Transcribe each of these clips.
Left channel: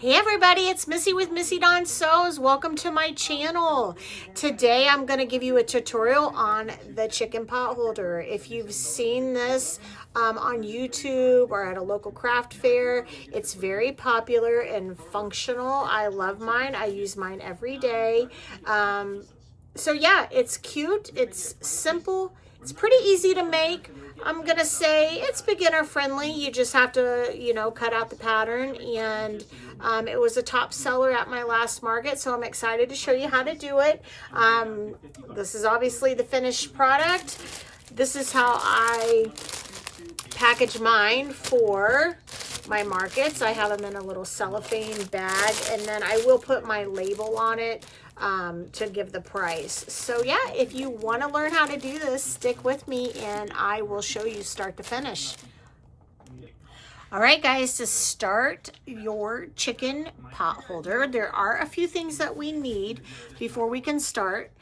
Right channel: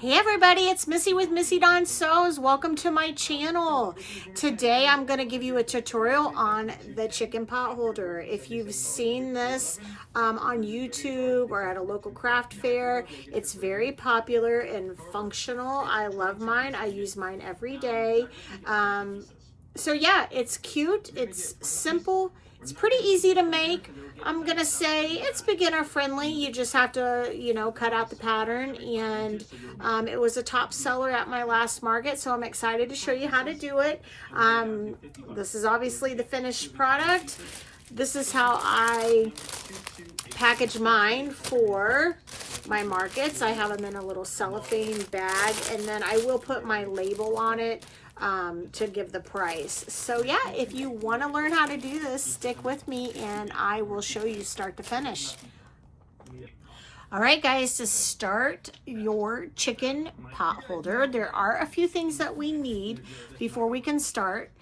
Hey everybody, it's Missy with Missy Dawn Sews. Welcome to my channel. Today I'm going to give you a tutorial on the chicken pot holder. If you've seen this on YouTube or at a local craft fair, it's very popular and functional. I love mine. I use mine every day. So yeah, it's cute. It's simple. It's pretty easy to make. I'm going to say it's beginner friendly. You just have to, cut out the pattern. And it was a top seller at my last market, so I'm excited to show you how to do it. This is obviously the finished product. This is how I package mine for my markets. I have them in a little cellophane bag, and then I will put my label on it to give the price. So yeah, if you want to learn how to do this, stick with me and I will show you start to finish. All right, guys, to start your chicken pot holder, there are a few things that we need before we can start.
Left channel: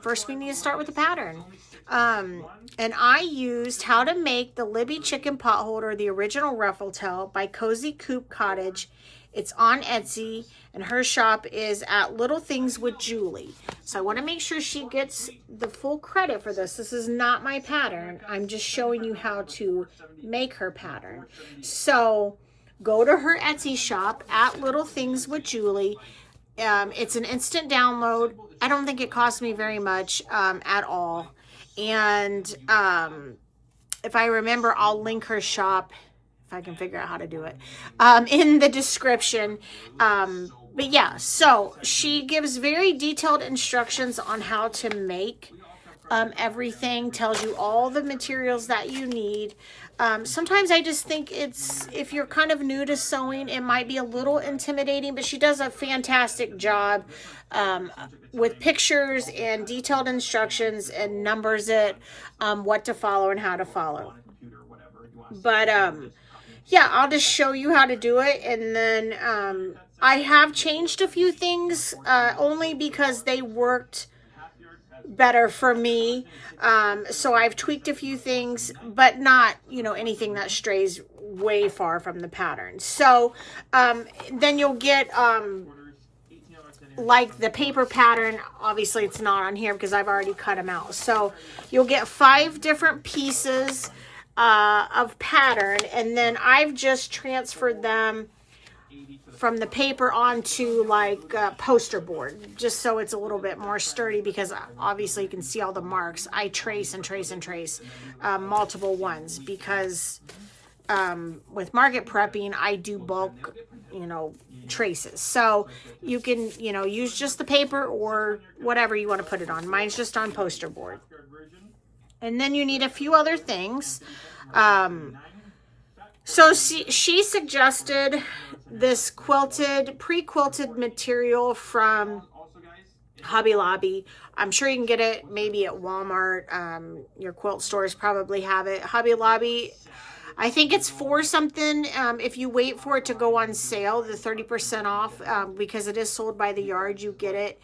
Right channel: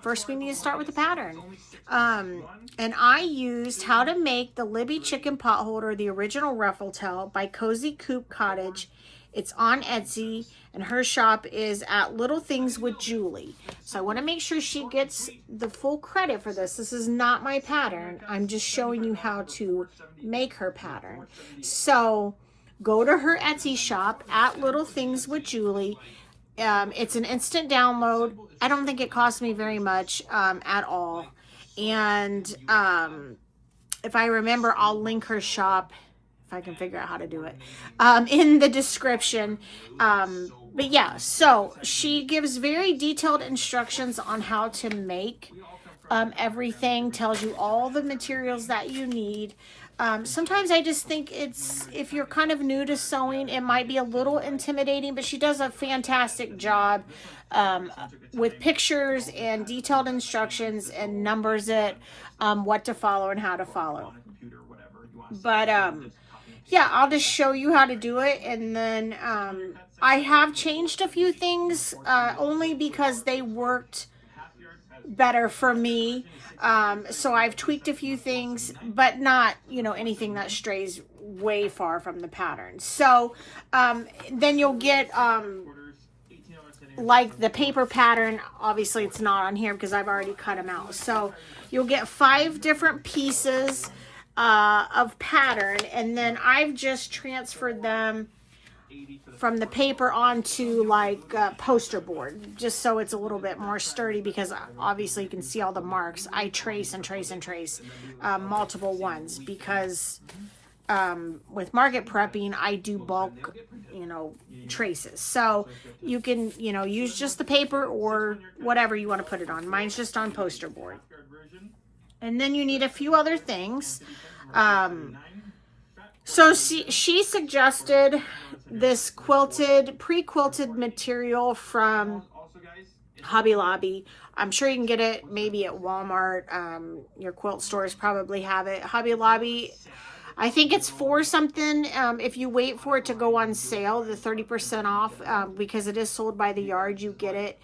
First, we need to start with the pattern. And I used How to Make the Libby Chicken Pot Holder, the original ruffle tail by Cozy Coop Cottage. It's on Etsy, and her shop is at Little Things with Julie. So I want to make sure she gets the full credit for this. This is not my pattern. I'm just showing you how to make her pattern. So go to her Etsy shop at Little Things with Julie. It's an instant download. I don't think it cost me very much at all. And if I remember, I'll link her shop, if I can figure out how to do it, in the description. But yeah, so she gives very detailed instructions on how to make everything, tells you all the materials that you need. Sometimes I just think if you're kind of new to sewing, it might be a little intimidating, but she does a fantastic job with pictures and detailed instructions and numbers it, what to follow and how to follow. But yeah, I'll just show you how to do it, and then I have changed a few things only because they worked better for me. So I've tweaked a few things, but not, anything that strays way far from the pattern. So then you'll get like the paper pattern. Obviously it's not on here because I've already cut them out. So you'll get 5 different pieces of pattern, and then I've just transferred them from the paper onto like poster board, just so it's a little bit more sturdy, because obviously you can see all the marks. I trace and trace and trace multiple ones, because with market prepping I do bulk traces, so you can use just the paper or whatever you want to put it on. Mine's just on poster board. And then you need a few other things. So she suggested this pre-quilted material from Hobby Lobby. I'm sure you can get it maybe at Walmart. Your quilt stores probably have it. Hobby Lobby, I think it's for something. If you wait for it to go on sale, the 30% off, because it is sold by the yard, you get it.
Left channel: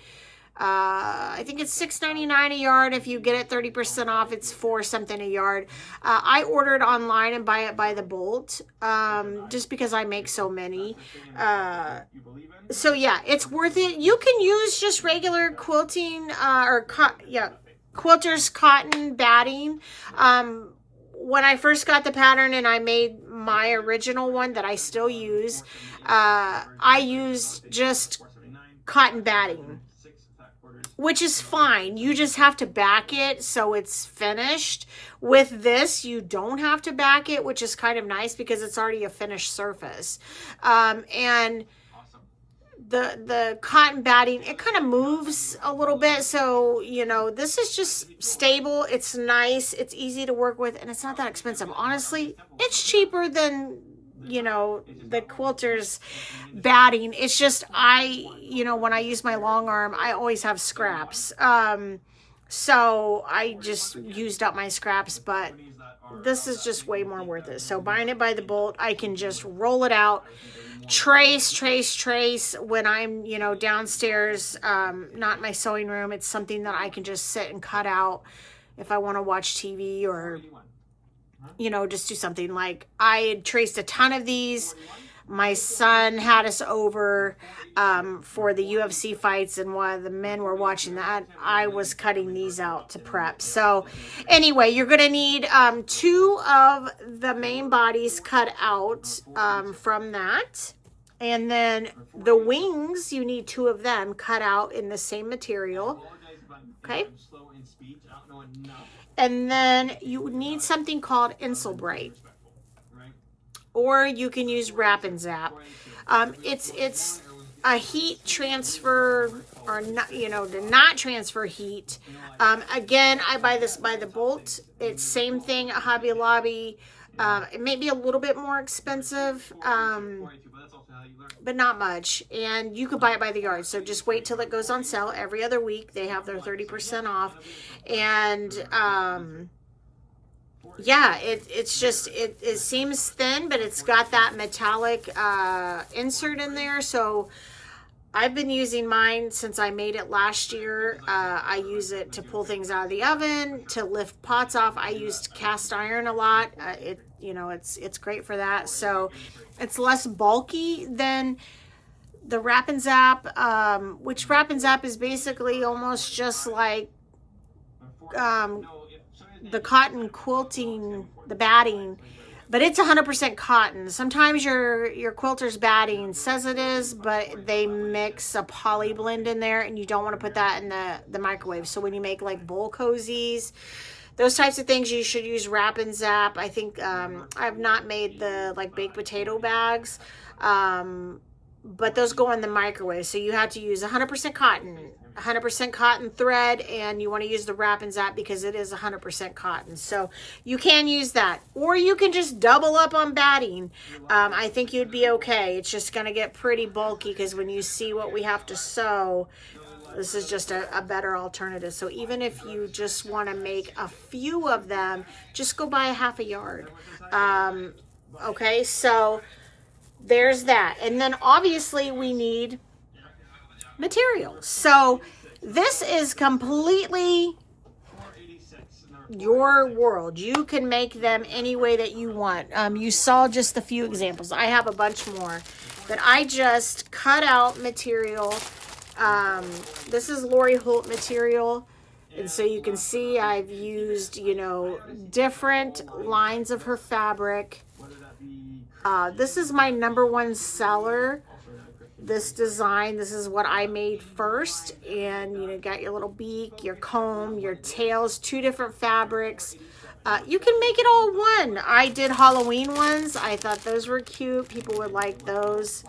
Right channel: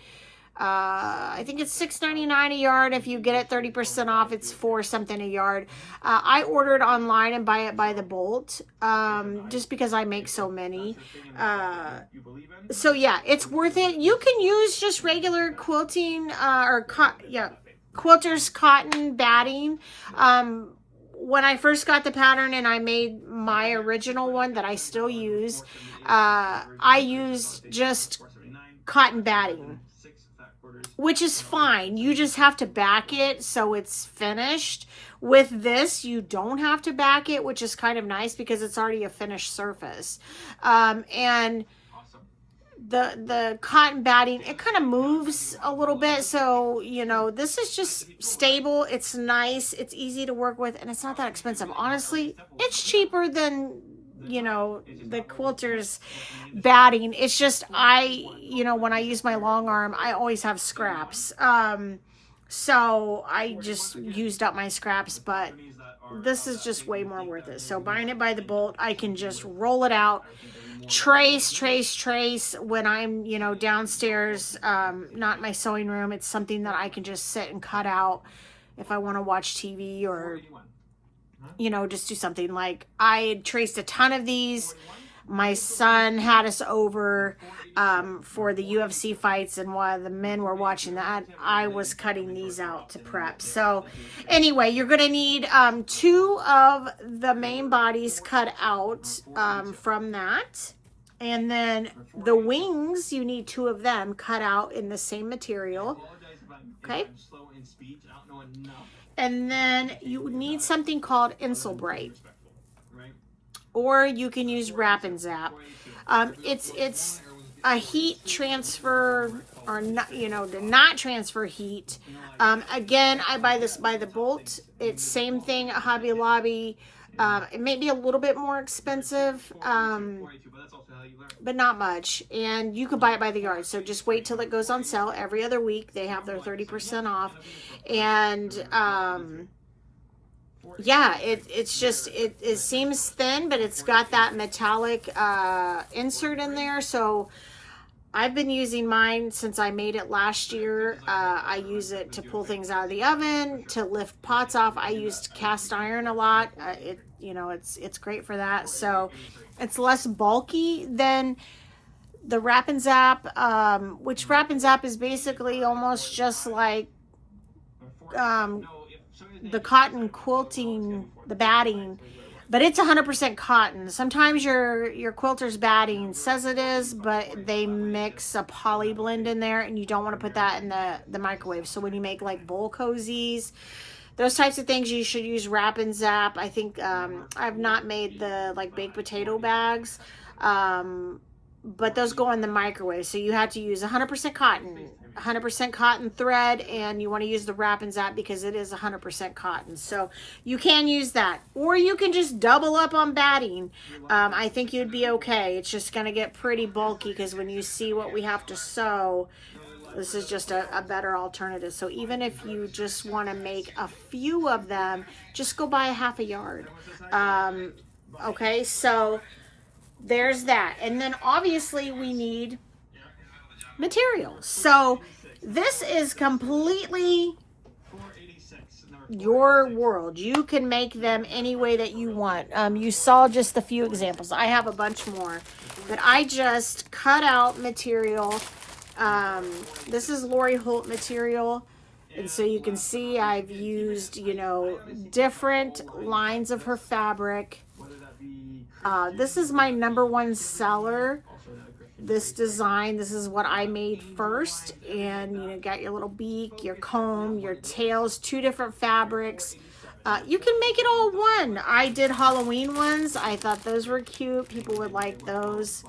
I think it's $6.99 a yard. If you get it 30% off, it's $4 something a yard. I ordered online and buy it by the bolt, just because I make so many. So yeah, it's worth it. You can use just regular quilting quilter's cotton batting. When I first got the pattern and I made my original one that I still use, I used just cotton batting, which is fine. You just have to back it so it's finished. With this, you don't have to back it, which is kind of nice because it's already a finished surface. And the cotton batting, it kind of moves a little bit, so this is just stable. It's nice, it's easy to work with, and it's not that expensive. Honestly, it's cheaper than the quilter's batting. It's just when I use my long arm, I always have scraps, so I just used up my scraps. But this is just way more worth it. So buying it by the bolt, I can just roll it out, trace when I'm downstairs, not my sewing room. It's something that I can just sit and cut out if I want to watch TV or just do something. Like I had traced a ton of these my son had us over for the UFC fights, and while the men were watching that, I was cutting these out to prep. So anyway, you're going to need 2 of the main bodies cut out from that. And then the wings, you need 2 of them cut out in the same material. Okay. And then you need something called Insul-Brite, or you can use Wrap and Zap. It's a heat transfer, or not, you know, to not transfer heat. Again, I buy this by the bolt. It's same thing at Hobby Lobby. It may be a little bit more expensive, but not much. And you can buy it by the yard. So just wait till it goes on sale every other week. They have their 30% off. And yeah, it's just, it seems thin, but it's got that metallic insert in there. So I've been using mine since I made it last year. I use it to pull things out of the oven, to lift pots off. I used cast iron a lot. It's great for that. So it's less bulky than the Wrap and Zap, which Wrap and Zap is basically almost just like the cotton quilting, the batting, but it's 100% cotton. Sometimes your quilter's batting says it is, but they mix a poly blend in there, and you don't want to put that in the microwave. So when you make like bowl cozies, those types of things, you should use Wrap and Zap. I think I've not made the like baked potato bags, but those go in the microwave. So you have to use 100% cotton thread, and you want to use the Wrap and Zap because it is 100% cotton. So you can use that, or you can just double up on batting. I think you'd be okay. It's just going to get pretty bulky because when you see what we have to sew, this is just a better alternative. So even if you just want to make a few of them, just go buy a half a yard. Okay, so there's that. And then obviously we need materials. So this is completely your world. You can make them any way that you want. You saw just a few examples. I have a bunch more that I just cut out material. This is Lori Holt material, and so you can see I've used, different lines of her fabric. This is my #1 seller, this design. This is what I made first, and got your little beak, your comb, your tails, 2 different fabrics. You can make it all one. I did Halloween ones. I thought those were cute. People would like those.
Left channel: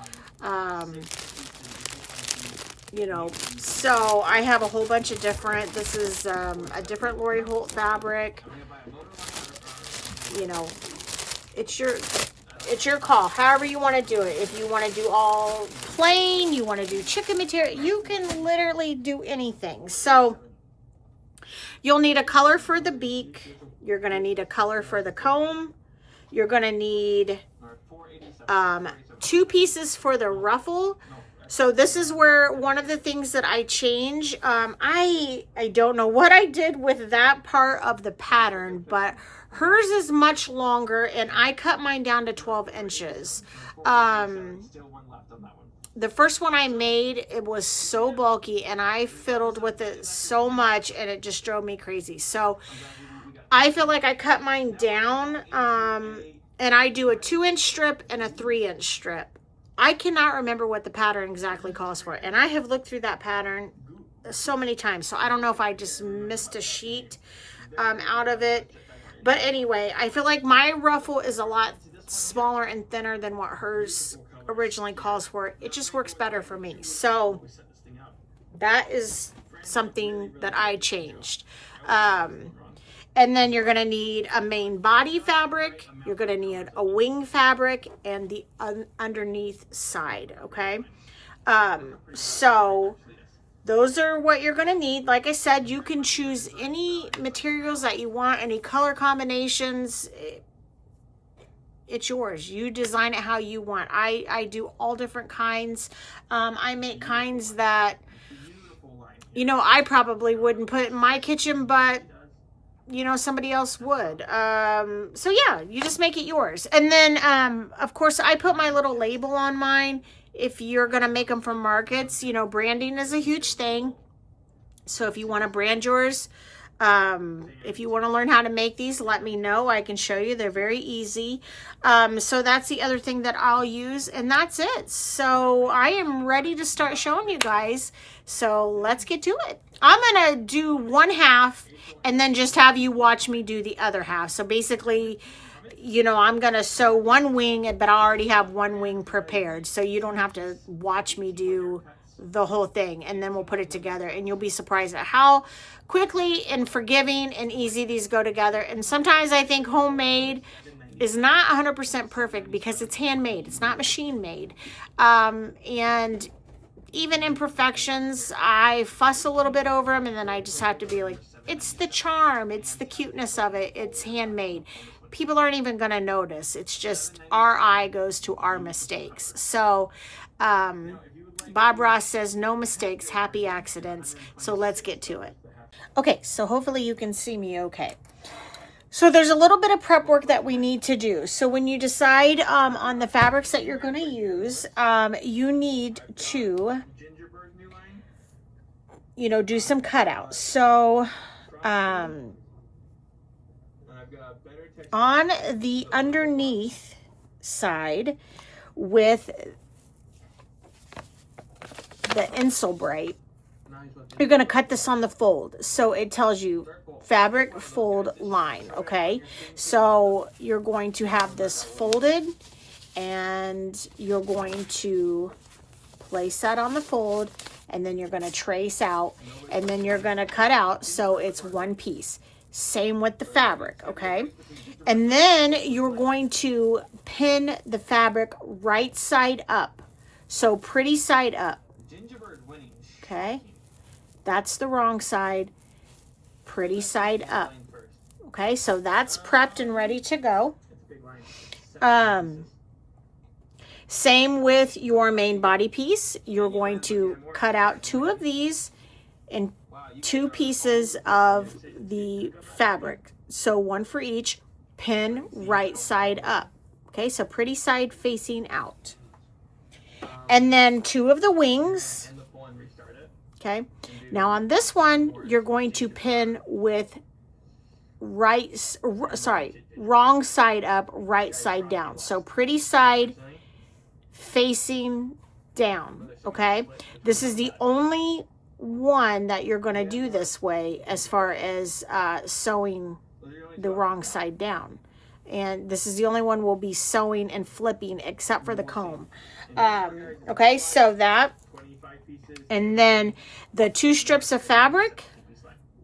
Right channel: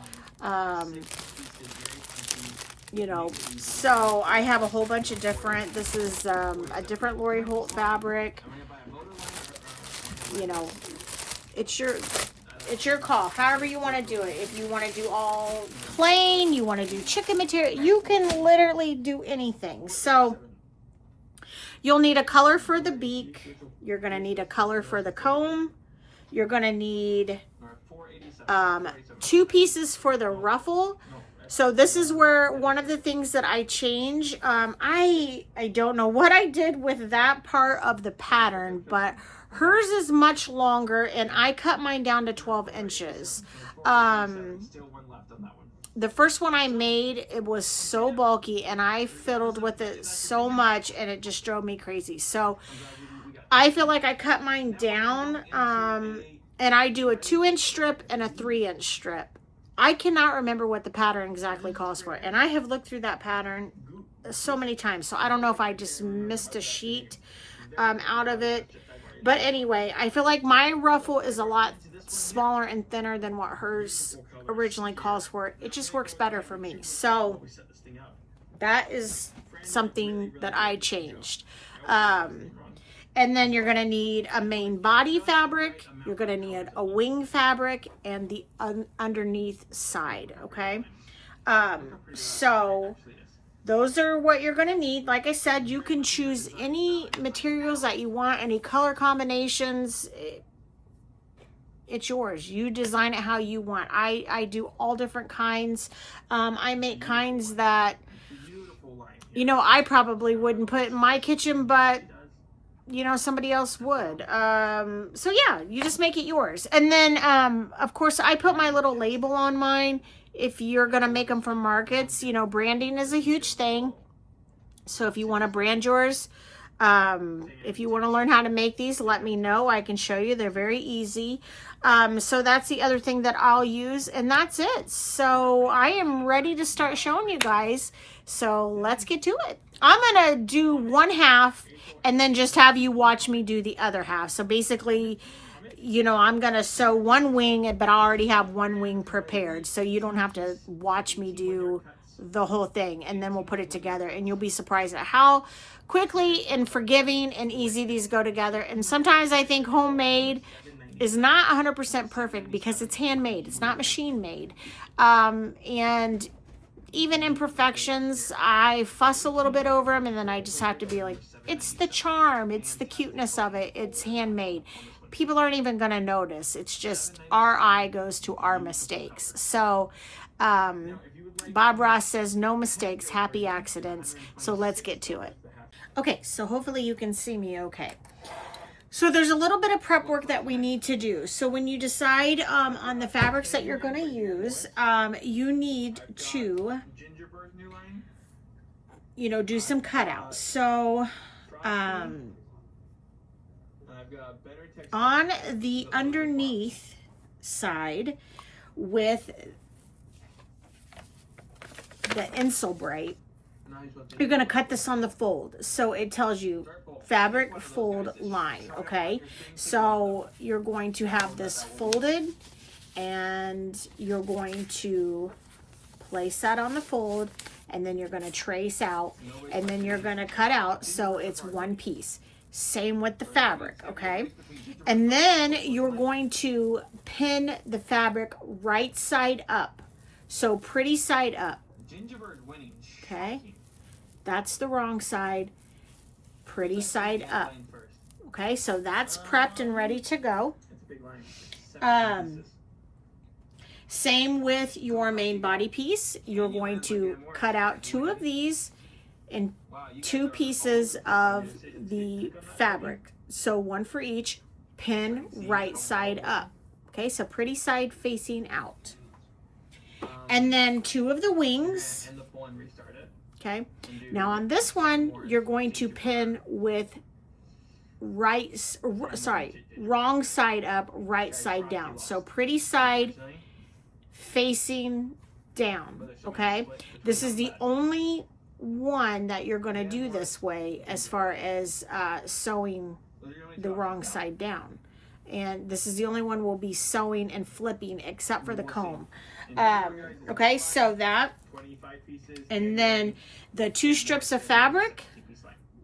So I have a whole bunch of different. This is a different Lori Holt fabric. It's your call, however you want to do it. If you want to do all plain, you want to do chicken material, you can literally do anything. So you'll need a color for the beak. You're going to need a color for the comb. You're going to need 2 pieces for the ruffle. So this is where one of the things that I change. I don't know what I did with that part of the pattern, but hers is much longer, and I cut mine down to 12 inches. The first one I made, it was so bulky, and I fiddled with it so much, and it just drove me crazy. So I feel like I cut mine down, and I do a 2-inch strip and a 3-inch strip. I cannot remember what the pattern exactly calls for, and I have looked through that pattern so many times, so I don't know if I just missed a sheet out of it. But anyway, I feel like my ruffle is a lot smaller and thinner than what hers originally calls for. It just works better for me. So that is something that I changed. And then you're going to need a main body fabric. You're going to need a wing fabric and the underneath side, okay? So those are what you're going to need. Like I said, you can choose any materials that you want, any color combinations. It's yours. You design it how you want. I do all different kinds. I make kinds that, I probably wouldn't put in my kitchen, but you know, somebody else would. So yeah, you just make it yours. And then, of course, I put my little label on mine. If you're going to make them from markets, you know, branding is a huge thing. So if you want to brand yours, if you want to learn how to make these, let me know. I can show you. They're very easy. So that's the other thing that I'll use, and that's it. So I am ready to start showing you guys. So let's get to it. I'm going to do one half and then just have you watch me do the other half. So basically, you know, I'm going to sew one wing, but I already have one wing prepared. So you don't have to watch me do the whole thing, and then we'll put it together, and you'll be surprised at how quickly and forgiving and easy these go together. And sometimes I think homemade is not 100% perfect because it's handmade. It's not machine made. And even imperfections, I fuss a little bit over them, and then I just have to be like, it's the charm, it's the cuteness of it, it's handmade. People aren't even going to notice. It's just our eye goes to our mistakes. So Bob Ross says, no mistakes, happy accidents. So let's get to it. Okay, so hopefully you can see me okay. So there's a little bit of prep work that we need to do. So when you decide on the fabrics that you're going to use, you need to, you know, do some cutouts. So on the underneath side with the Insulbrite, you're going to cut this on the fold. So it tells you fabric fold line, okay? So you're going to have this folded, and you're going to place that on the fold, and then you're going to trace out, and then you're going to cut out so it's one piece. Same with the fabric, okay? And then you're going to pin the fabric right side up. So pretty side up. Okay, that's the wrong side, pretty side up. Okay, so that's prepped and ready to go. Same with your main body piece. You're going to cut out two of these and two pieces of the fabric. So one for each, pin right side up. Okay, so pretty side facing out. And then two of the wings. Okay, now on this one, you're going to pin with wrong side up, right side down. So pretty side facing down, okay? This is the only one that you're going to do this way as far as sewing the wrong side down. And this is the only one we'll be sewing and flipping except for the comb. Okay, so that. And then the two strips of fabric,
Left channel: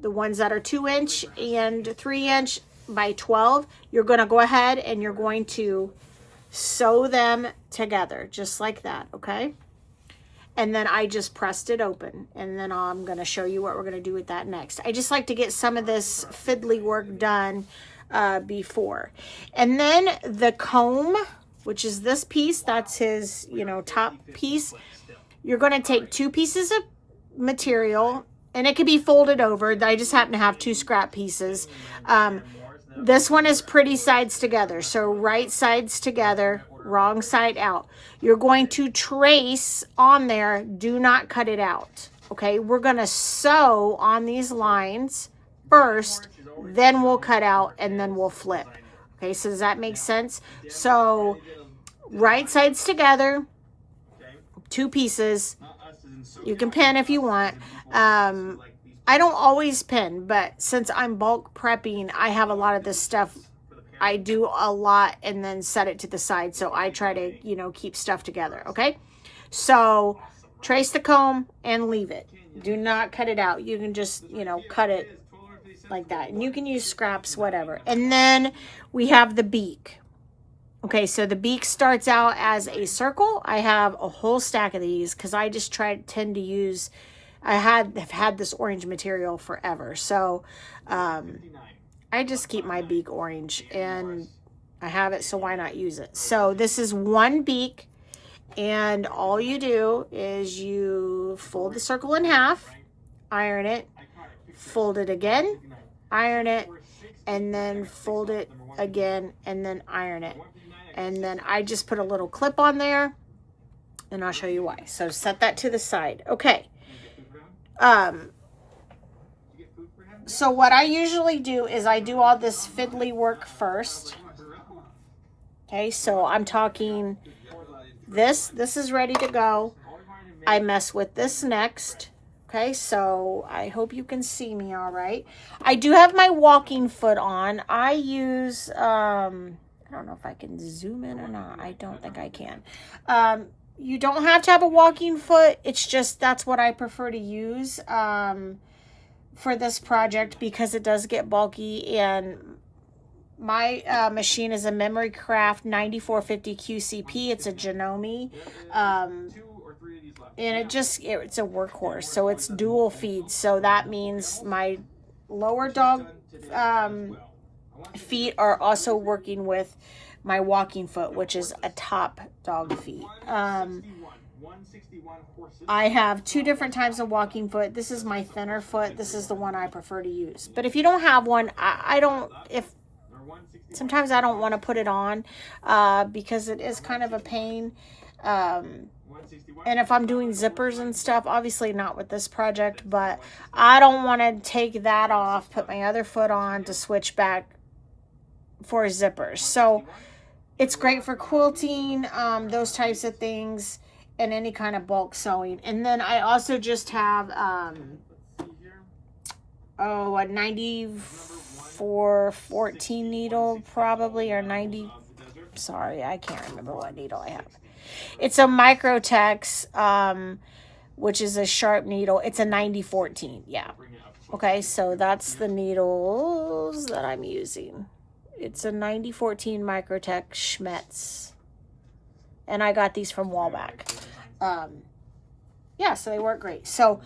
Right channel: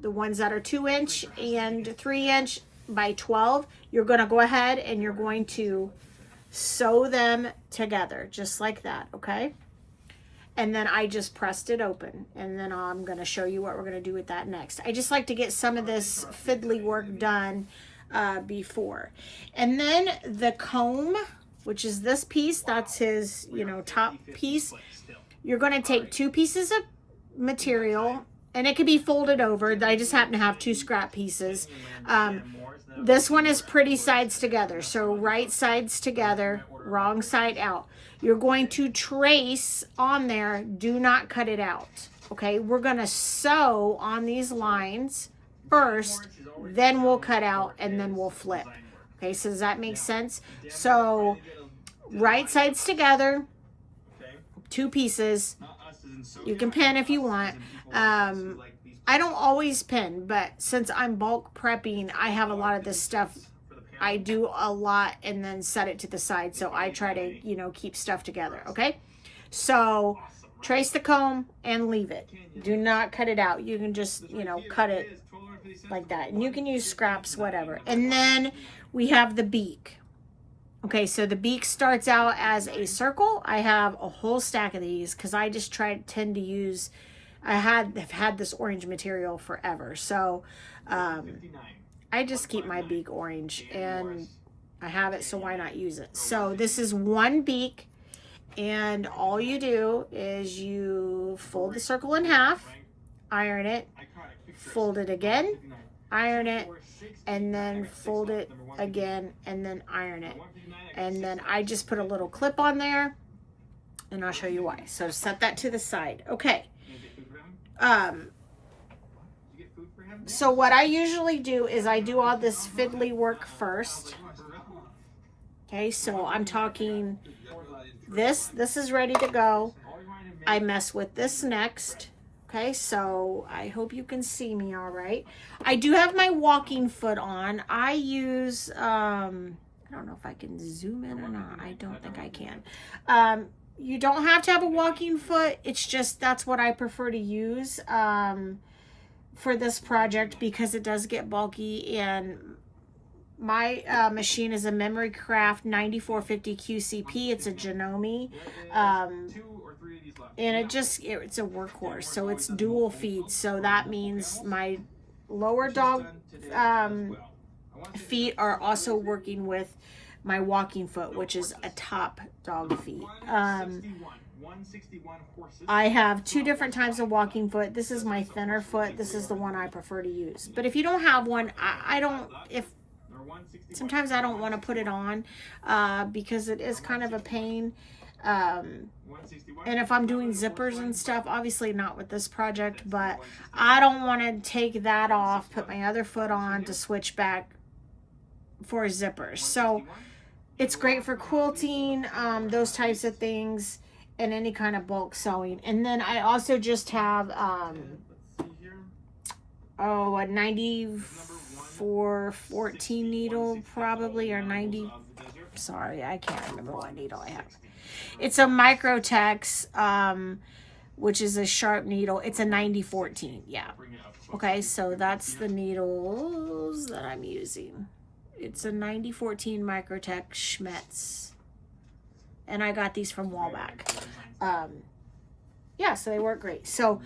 the ones that are 2" and 3" by 12, you're going to go ahead and you're going to sew them together just like that, okay? And then I just pressed it open, and then I'm going to show you what we're going to do with that next. I just like to get some of this fiddly work done before. And then the comb, which is this piece, that's his, you know, top piece. You're going to take two pieces of material, and it could be folded over. I just happen to have two scrap pieces. This one is pretty sides together. So right sides together, wrong side out. You're going to trace on there. Do not cut it out. Okay, we're going to sew on these lines first, then we'll cut out, and then we'll flip. Okay, so does that make sense? So right sides together, two pieces. You can pin if you want. I don't always pin, but since I'm bulk prepping, I have a lot of this stuff. I do a lot and then set it to the side, so I try to, you know, keep stuff together, okay? So trace the comb and leave it. Do not cut it out. You can just, you know, cut it like that. And you can use scraps, whatever. And then we have the beak. Okay, so the beak starts out as a circle. I have a whole stack of these because I just tend to use, have had this orange material forever. So I just keep my beak orange, and I have it, so why not use it? So this is one beak, and all you do is you fold the circle in half, iron it, fold it again, iron it, and then fold it again, and then iron it. And then I just put a little clip on there, and I'll show you why. So set that to the side. Okay. So what I usually do is I do all this fiddly work first. Okay, so I'm talking this is ready to go. I mess with this next. Okay, so I hope you can see me all right. I do have my walking foot on. I use, I don't know if I can zoom in or not. I don't think I can. You don't have to have a walking foot. It's just, that's what I prefer to use for this project because it does get bulky, and my machine is a Memorycraft 9450 QCP. It's a Janome. And it's a workhorse, so it's dual feed. So that means my lower dog feet are also working with my walking foot, which is a top dog feet. I have two different types of walking foot. This is my thinner foot. This is the one I prefer to use. But if you don't have one, sometimes I don't want to put it on because it is kind of a pain. And if I'm doing zippers and stuff, obviously not with this project, but I don't want to take that off, put my other foot on to switch back for zippers. So it's great for quilting, those types of things, and any kind of bulk sewing. And then I also just have a 9414 needle probably, or 90, sorry, I can't remember what needle I have. It's a Microtex, which is a sharp needle. It's a 9014, yeah. Okay, so that's the needles that I'm using. It's a 9014 Microtex Schmetz. And I got these from Wallback. Yeah, so they work great. So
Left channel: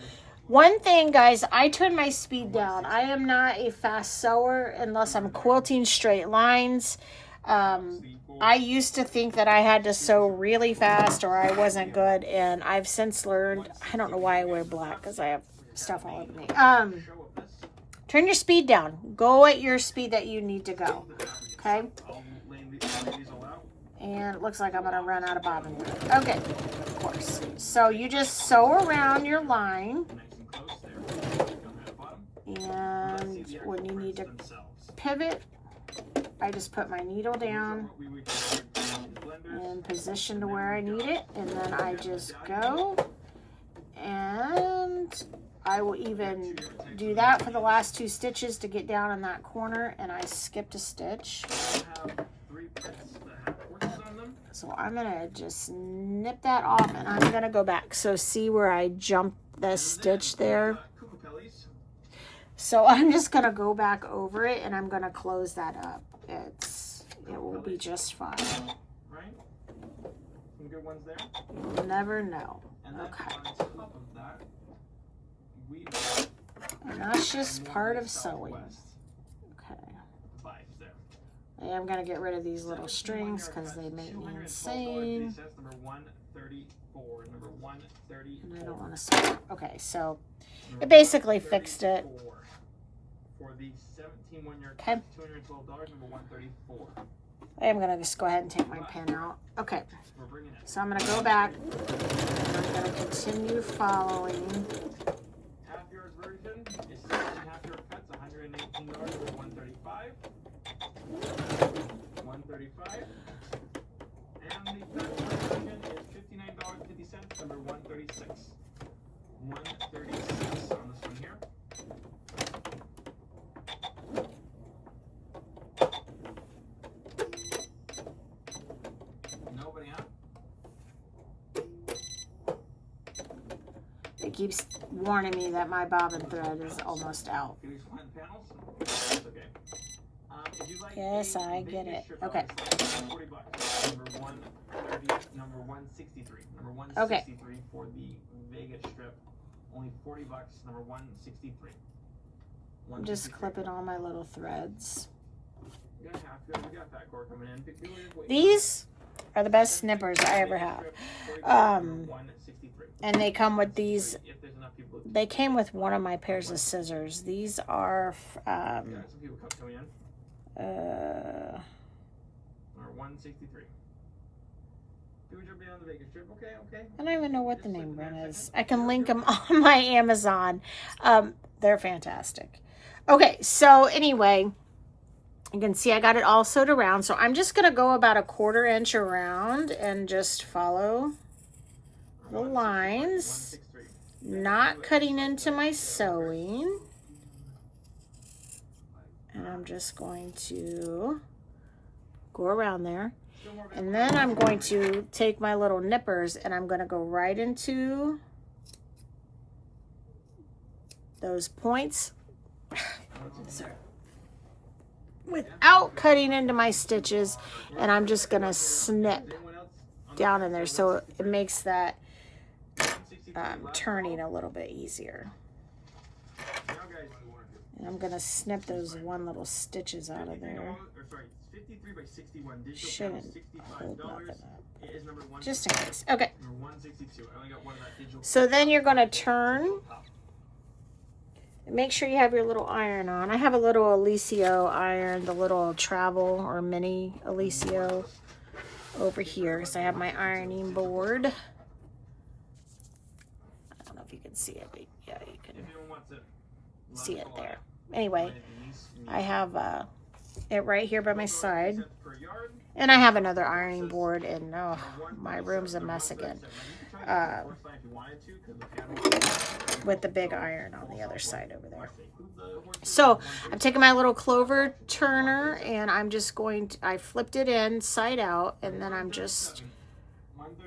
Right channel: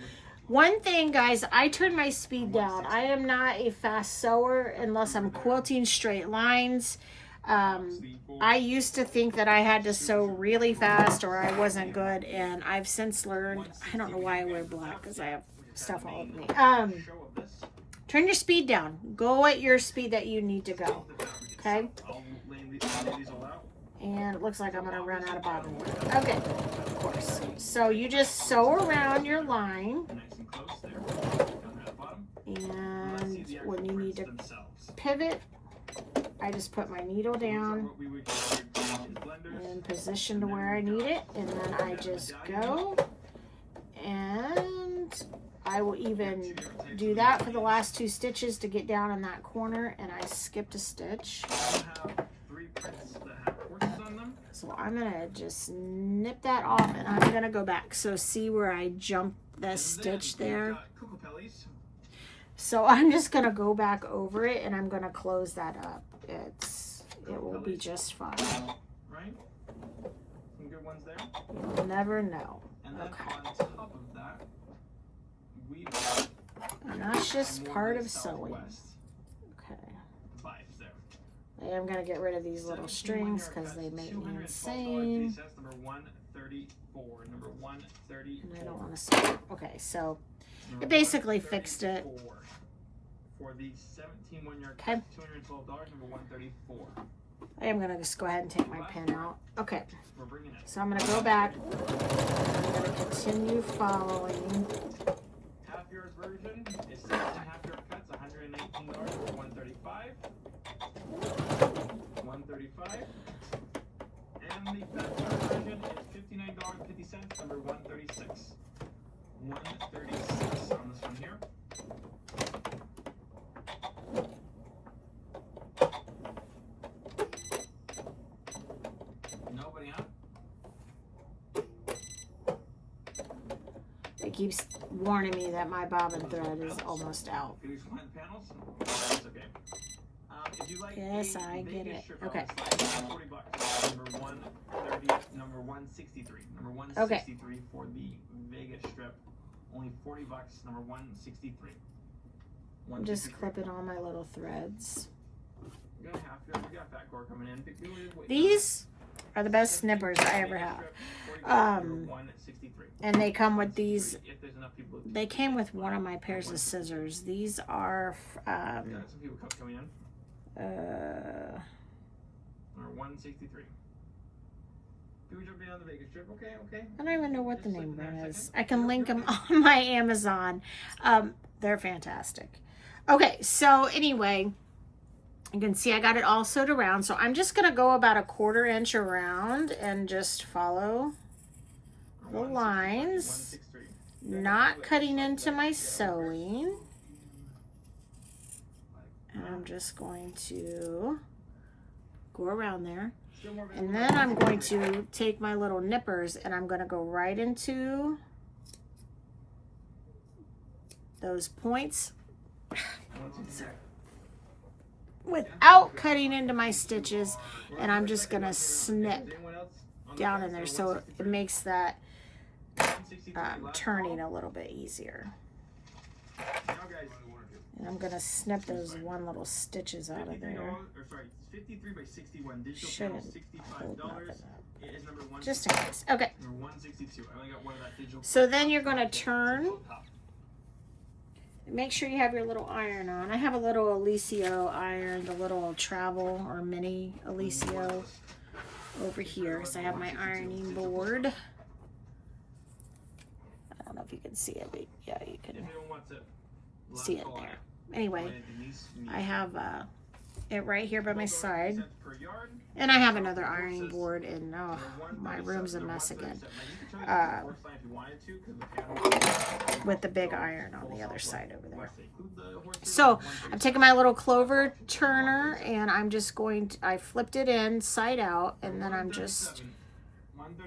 one thing, guys, I turn my speed down. I am not a fast sewer unless I'm quilting straight lines. I used to think that I had to sew really fast or I wasn't good, and I've since learned, I don't know why I wear black because I have stuff all over me. Turn your speed down. Go at your speed that you need to go. Okay? And it looks like I'm going to run out of bobbin thread. Okay, of course. So you just sew around your line. And when you need to pivot, I just put my needle down and position to where I need it. And then I just go. And I will even do that for the last 2 stitches to get down in that corner. And I skipped a stitch. So I'm going to just snip that off, and I'm going to go back. So see where I jumped the stitch there? So I'm just going to go back over it, and I'm going to close that up. It will be just fine. You'll never know. Okay. And that's just part of sewing. I'm going to get rid of these little strings because they make me insane. And I don't want to sew. Okay, so I basically fixed it. Okay. I am going to just go ahead and take my pen out. Okay, so I'm going to go back. And I'm going to continue following. Half yours version is 16 half your cuts, $118 or $135. 135, and the fast version is $59.50, number 136. 136 on this one here. Nobody, huh? It keeps warning me that my bobbin thread is almost out. Yes, I get it. Okay. Number 163. Number 163 for the Vegas strip. Only $40. Number 163. I'm just clipping all my little threads. These are the best snippers I ever have. And they come with these. They came with one of my pairs of scissors. These are Number 163. People jumping on the Vegas trip. Okay. I don't even know what the name brand is. I can link them on my Amazon. They're fantastic. Okay, so anyway, you can see I got it all sewed around. So I'm just going to go about 1/4 inch around and just follow the lines, not cutting into my sewing. And I'm just going to go around there. And then I'm going to take my little nippers and I'm going to go right into those points. Sorry. Without cutting into my stitches, and I'm just going to snip down in there so it makes that turning a little bit easier. And I'm going to snip those one little stitches out of there. Shouldn't hold nothing up. Just in case. Okay. So then you're going to turn. Make sure you have your little iron on. I have a little Alicio iron, the little travel or mini Alicio over here because I have my ironing board. I don't know if you can see it, but yeah, you can see it there. Anyway, I have it right here by my side. And I have another ironing board, and oh, my room's a mess again. With the big iron on the other side over there. So I'm taking my little clover turner, and I'm just going to, I flipped it inside out, and then I'm just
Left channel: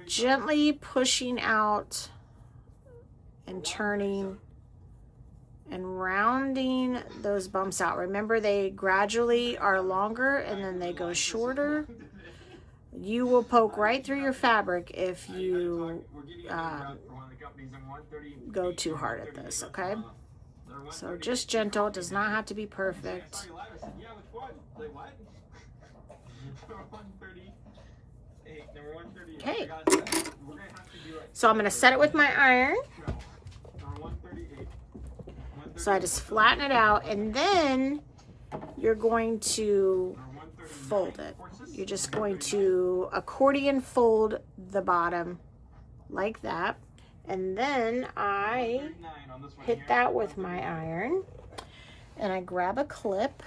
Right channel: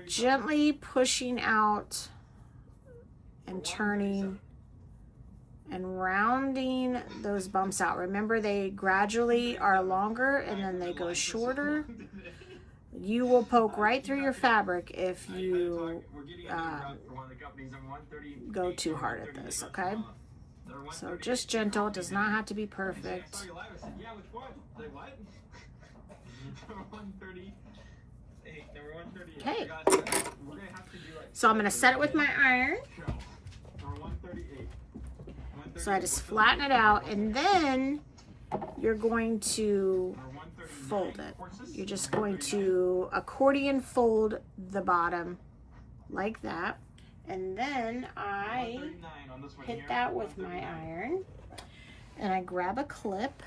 gently pushing out and turning and rounding those bumps out. Remember, they gradually are longer and then they go shorter. You will poke right through your fabric if you go too hard at this, okay? So just gentle. It does not have to be perfect. Okay. So I'm going to set it with my iron. So I just flatten it out, and then you're going to fold it. You're just going to accordion fold the bottom like that. And then I hit that with my iron, and I grab a clip,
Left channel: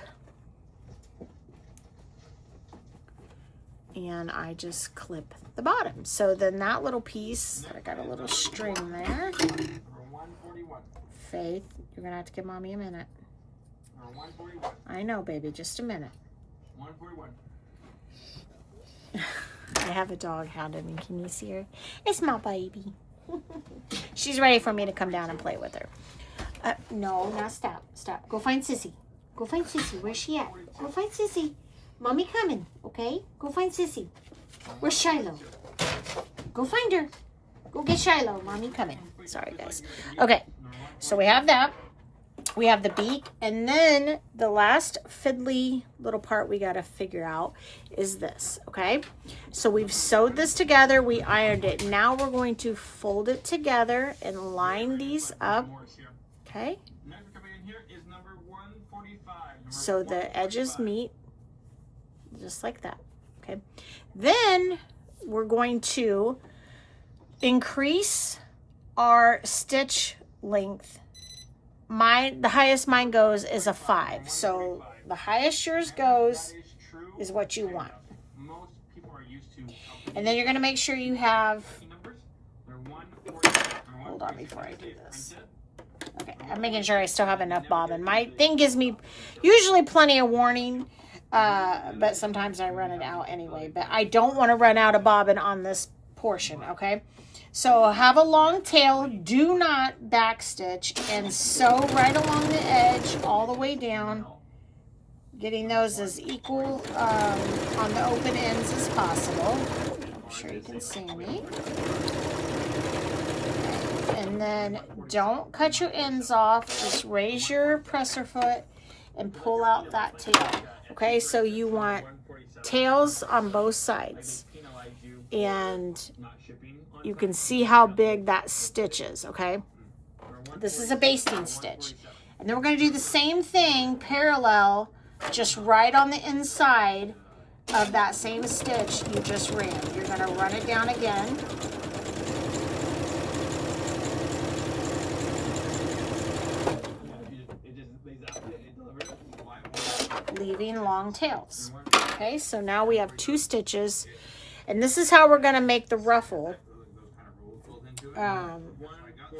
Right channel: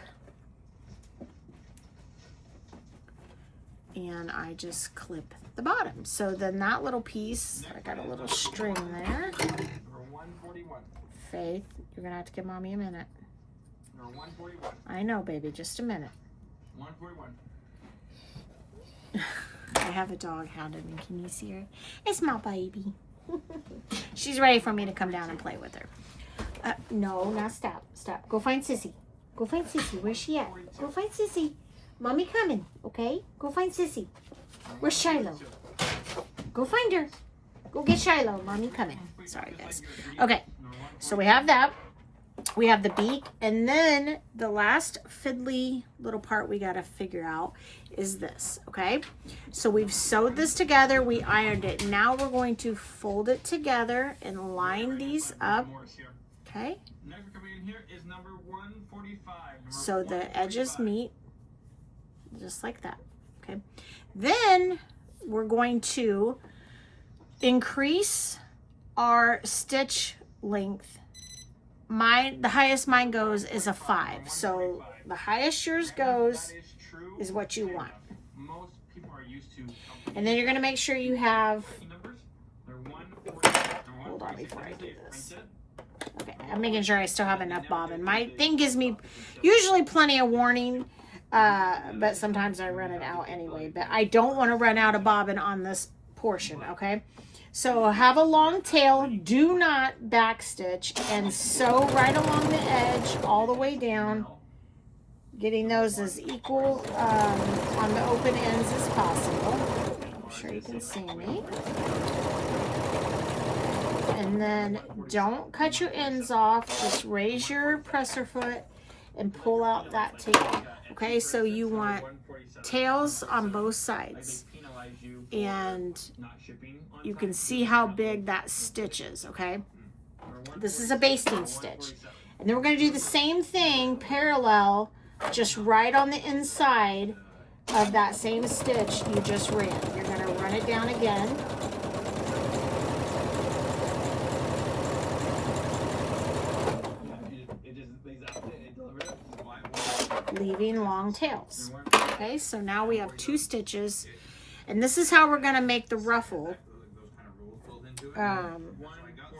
and I just clip the bottom. So then that little piece, I got a little string there. Faith, you're gonna have to give mommy a minute. I know, baby, just a minute. I have a dog hounded, and can you see her? It's my baby. She's ready for me to come down and play with her. No, now stop. Go find Sissy. Go find Sissy. Where's she at? Go find Sissy. Mommy coming, okay? Go find Sissy. Where's Shiloh? Go find her. Go get Shiloh. Mommy coming. Sorry, guys. Okay, so we have that. We have the beak, and then the last fiddly little part we got to figure out is this, okay? So we've sewed this together, we ironed it. Now we're going to fold it together and line these up, okay? So the edges meet just like that, okay? Then we're going to increase our stitch length. The highest mine goes is a 5. So the highest yours goes is what you want. And then you're going to make sure you have, hold on before I do this. Okay, I'm making sure I still have enough bobbin. My thing gives me usually plenty of warning, but sometimes I run it out anyway. But I don't want to run out of bobbin on this portion, okay? So have a long tail, do not backstitch, and sew right along the edge all the way down, getting those as equal on the open ends as possible. I'm sure you can see me. And then don't cut your ends off, just raise your presser foot and pull out that tail. Okay, so you want tails on both sides. And you can see how big that stitch is, okay? This is a basting stitch. And then we're going to do the same thing parallel just right on the inside of that same stitch you just ran. You're going to run it down again. Leaving long tails. Okay, so now we have 2 stitches, and this is how we're going to make the ruffle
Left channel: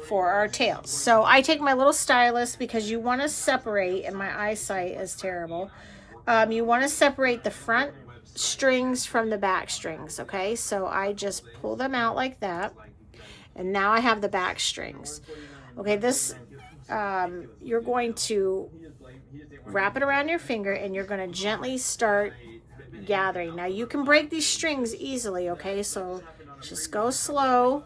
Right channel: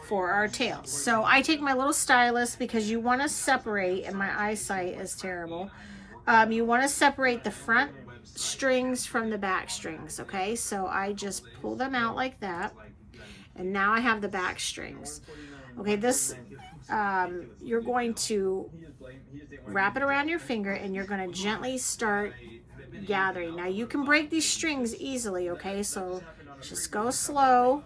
for our tails. So I take my little stylus, because you want to separate, and my eyesight is terrible. You want to separate the front strings from the back strings. Okay, so I just pull them out like that, and now I have the back strings. Okay, this you're going to wrap it around your finger, and you're going to gently start gathering. Now you can break these strings easily, okay, so just go slow.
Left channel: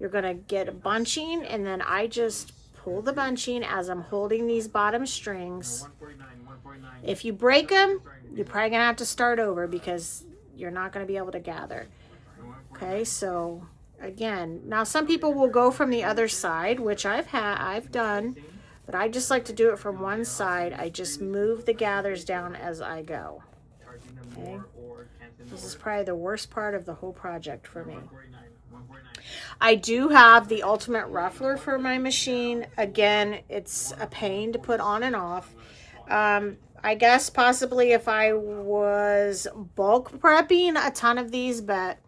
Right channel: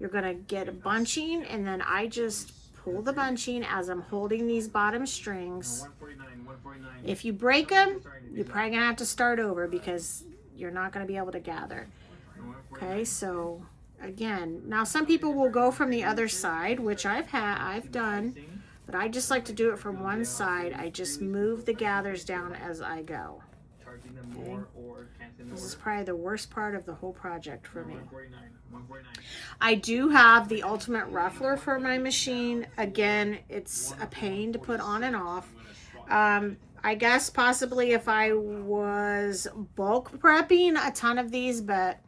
You're going to get a bunching, and then I just pull the bunching as I'm holding these bottom strings. If you break them, you're probably going to have to start over, because you're not going to be able to gather. Okay, so again, now some people will go from the other side, which I've done, but I just like to do it from one side. I just move the gathers down as I go. Okay. This is probably the worst part of the whole project for me. I do have the Ultimate Ruffler for my machine. Again, it's a pain to put on and off. I guess possibly if I was bulk prepping a ton of these, but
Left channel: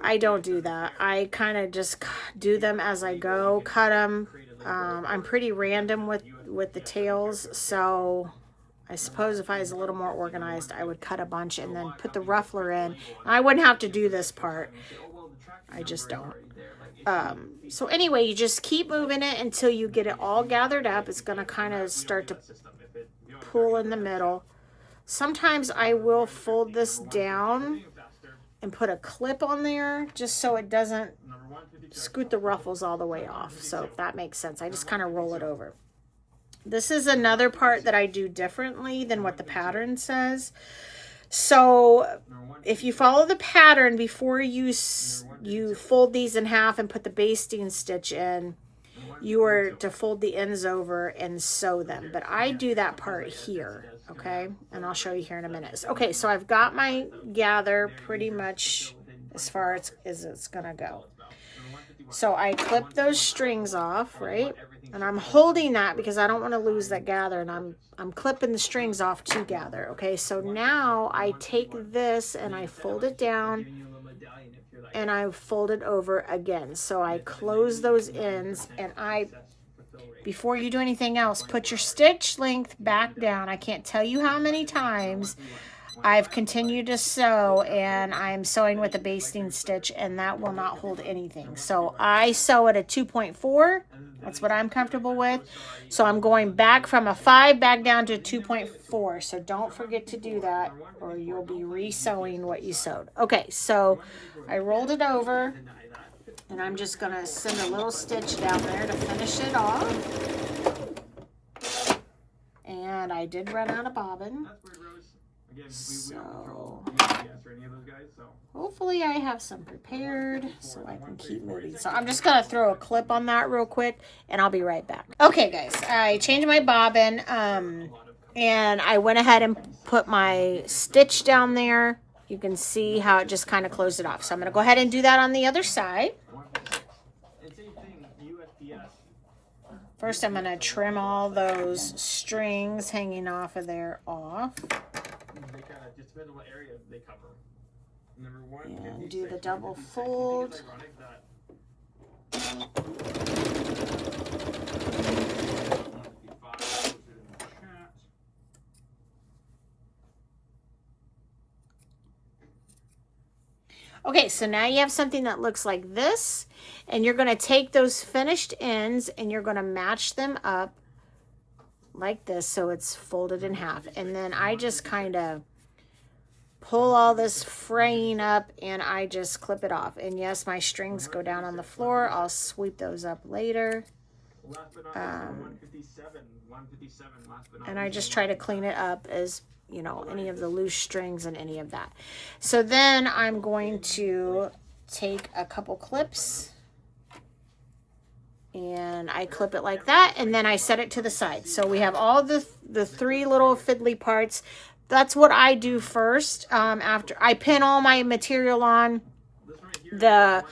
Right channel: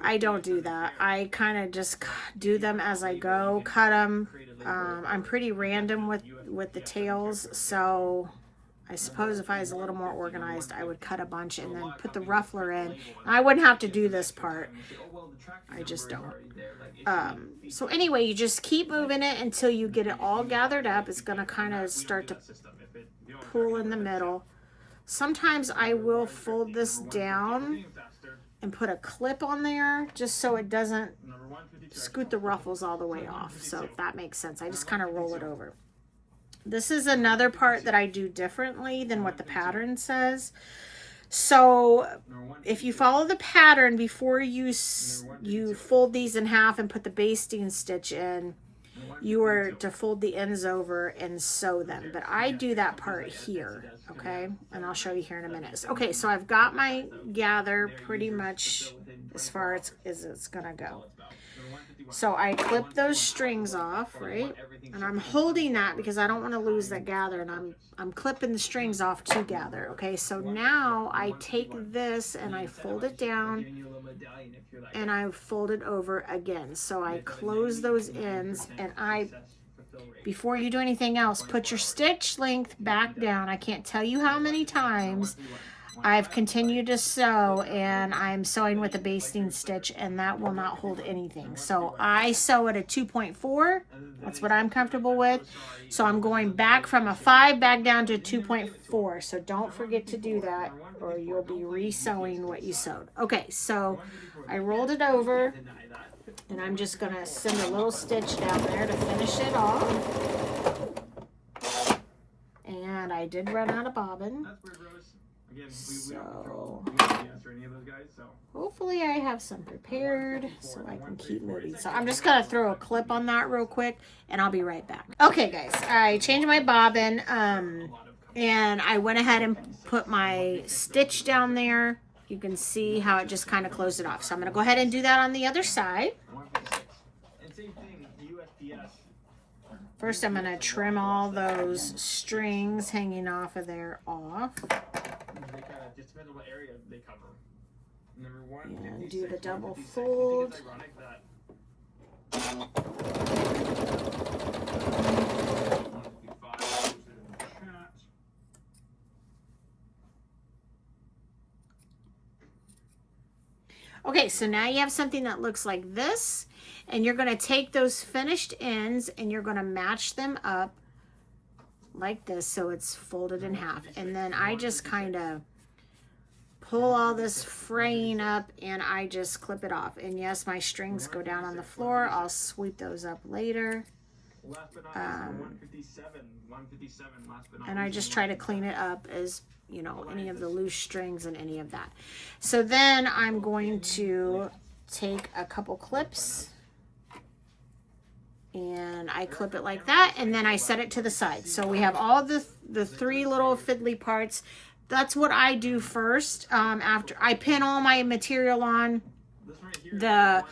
I don't do that. I kind of just do them as I go, cut them. I'm pretty random with the tails, so I suppose if I was a little more organized, I would cut a bunch and then put the ruffler in. I wouldn't have to do this part. I just don't. So anyway, you just keep moving it until you get it all gathered up. It's going to kind of start to pull in the middle. Sometimes I will fold this down and put a clip on there just so it doesn't scoot the ruffles all the way off. So if that makes sense, I just kind of roll it over. This is another part that I do differently than what the pattern says. So if you follow the pattern before you fold these in half and put the basting stitch in, you are to fold the ends over and sew them. But I do that part here, okay? And I'll show you here in a minute. Okay, so I've got my gather pretty much as far as it's gonna go. So I clip those strings off, right? And I'm holding that because I don't want to lose that gather, and I'm clipping the strings off to gather. Okay, so now I take this and I fold it down and I fold it over again. So I close those ends, and before you do anything else, put your stitch length back down. I can't tell you how many times I've continued to sew, and I'm sewing with a basting stitch, and that will not hold anything. So I sew at a 2.4. That's what I'm comfortable with. So I'm going back from a 5 back down to a 2.4. So don't forget to do that, or you'll be re-sewing what you sewed. Okay, so I rolled it over, and I'm just going to send a little stitch down there to finish it off. And I did run out of bobbin. So hopefully I have some prepared so I can keep moving. So I'm just going to throw a clip on that real quick, and I'll be right back. Okay, guys, I changed my bobbin, and I went ahead and put my stitch down there. You can see how it just kind of closed it off. So I'm going to go ahead and do that on the other side. First, I'm going to trim all those strings hanging off of there off. And do the double fold. Okay, so now you have something that looks like this, and you're going to take those finished ends and you're going to match them up like this so it's folded in half. And then I just kind of pull all this fraying up and I just clip it off. And yes, my strings go down on the floor. I'll sweep those up later. And I just try to clean it up as, you know, any of the loose strings and any of that. So then I'm going to take a couple clips And I clip it like that, and then I set it to the side. So we have all the three little fiddly parts. That's what I do first. After I pin all my material on, the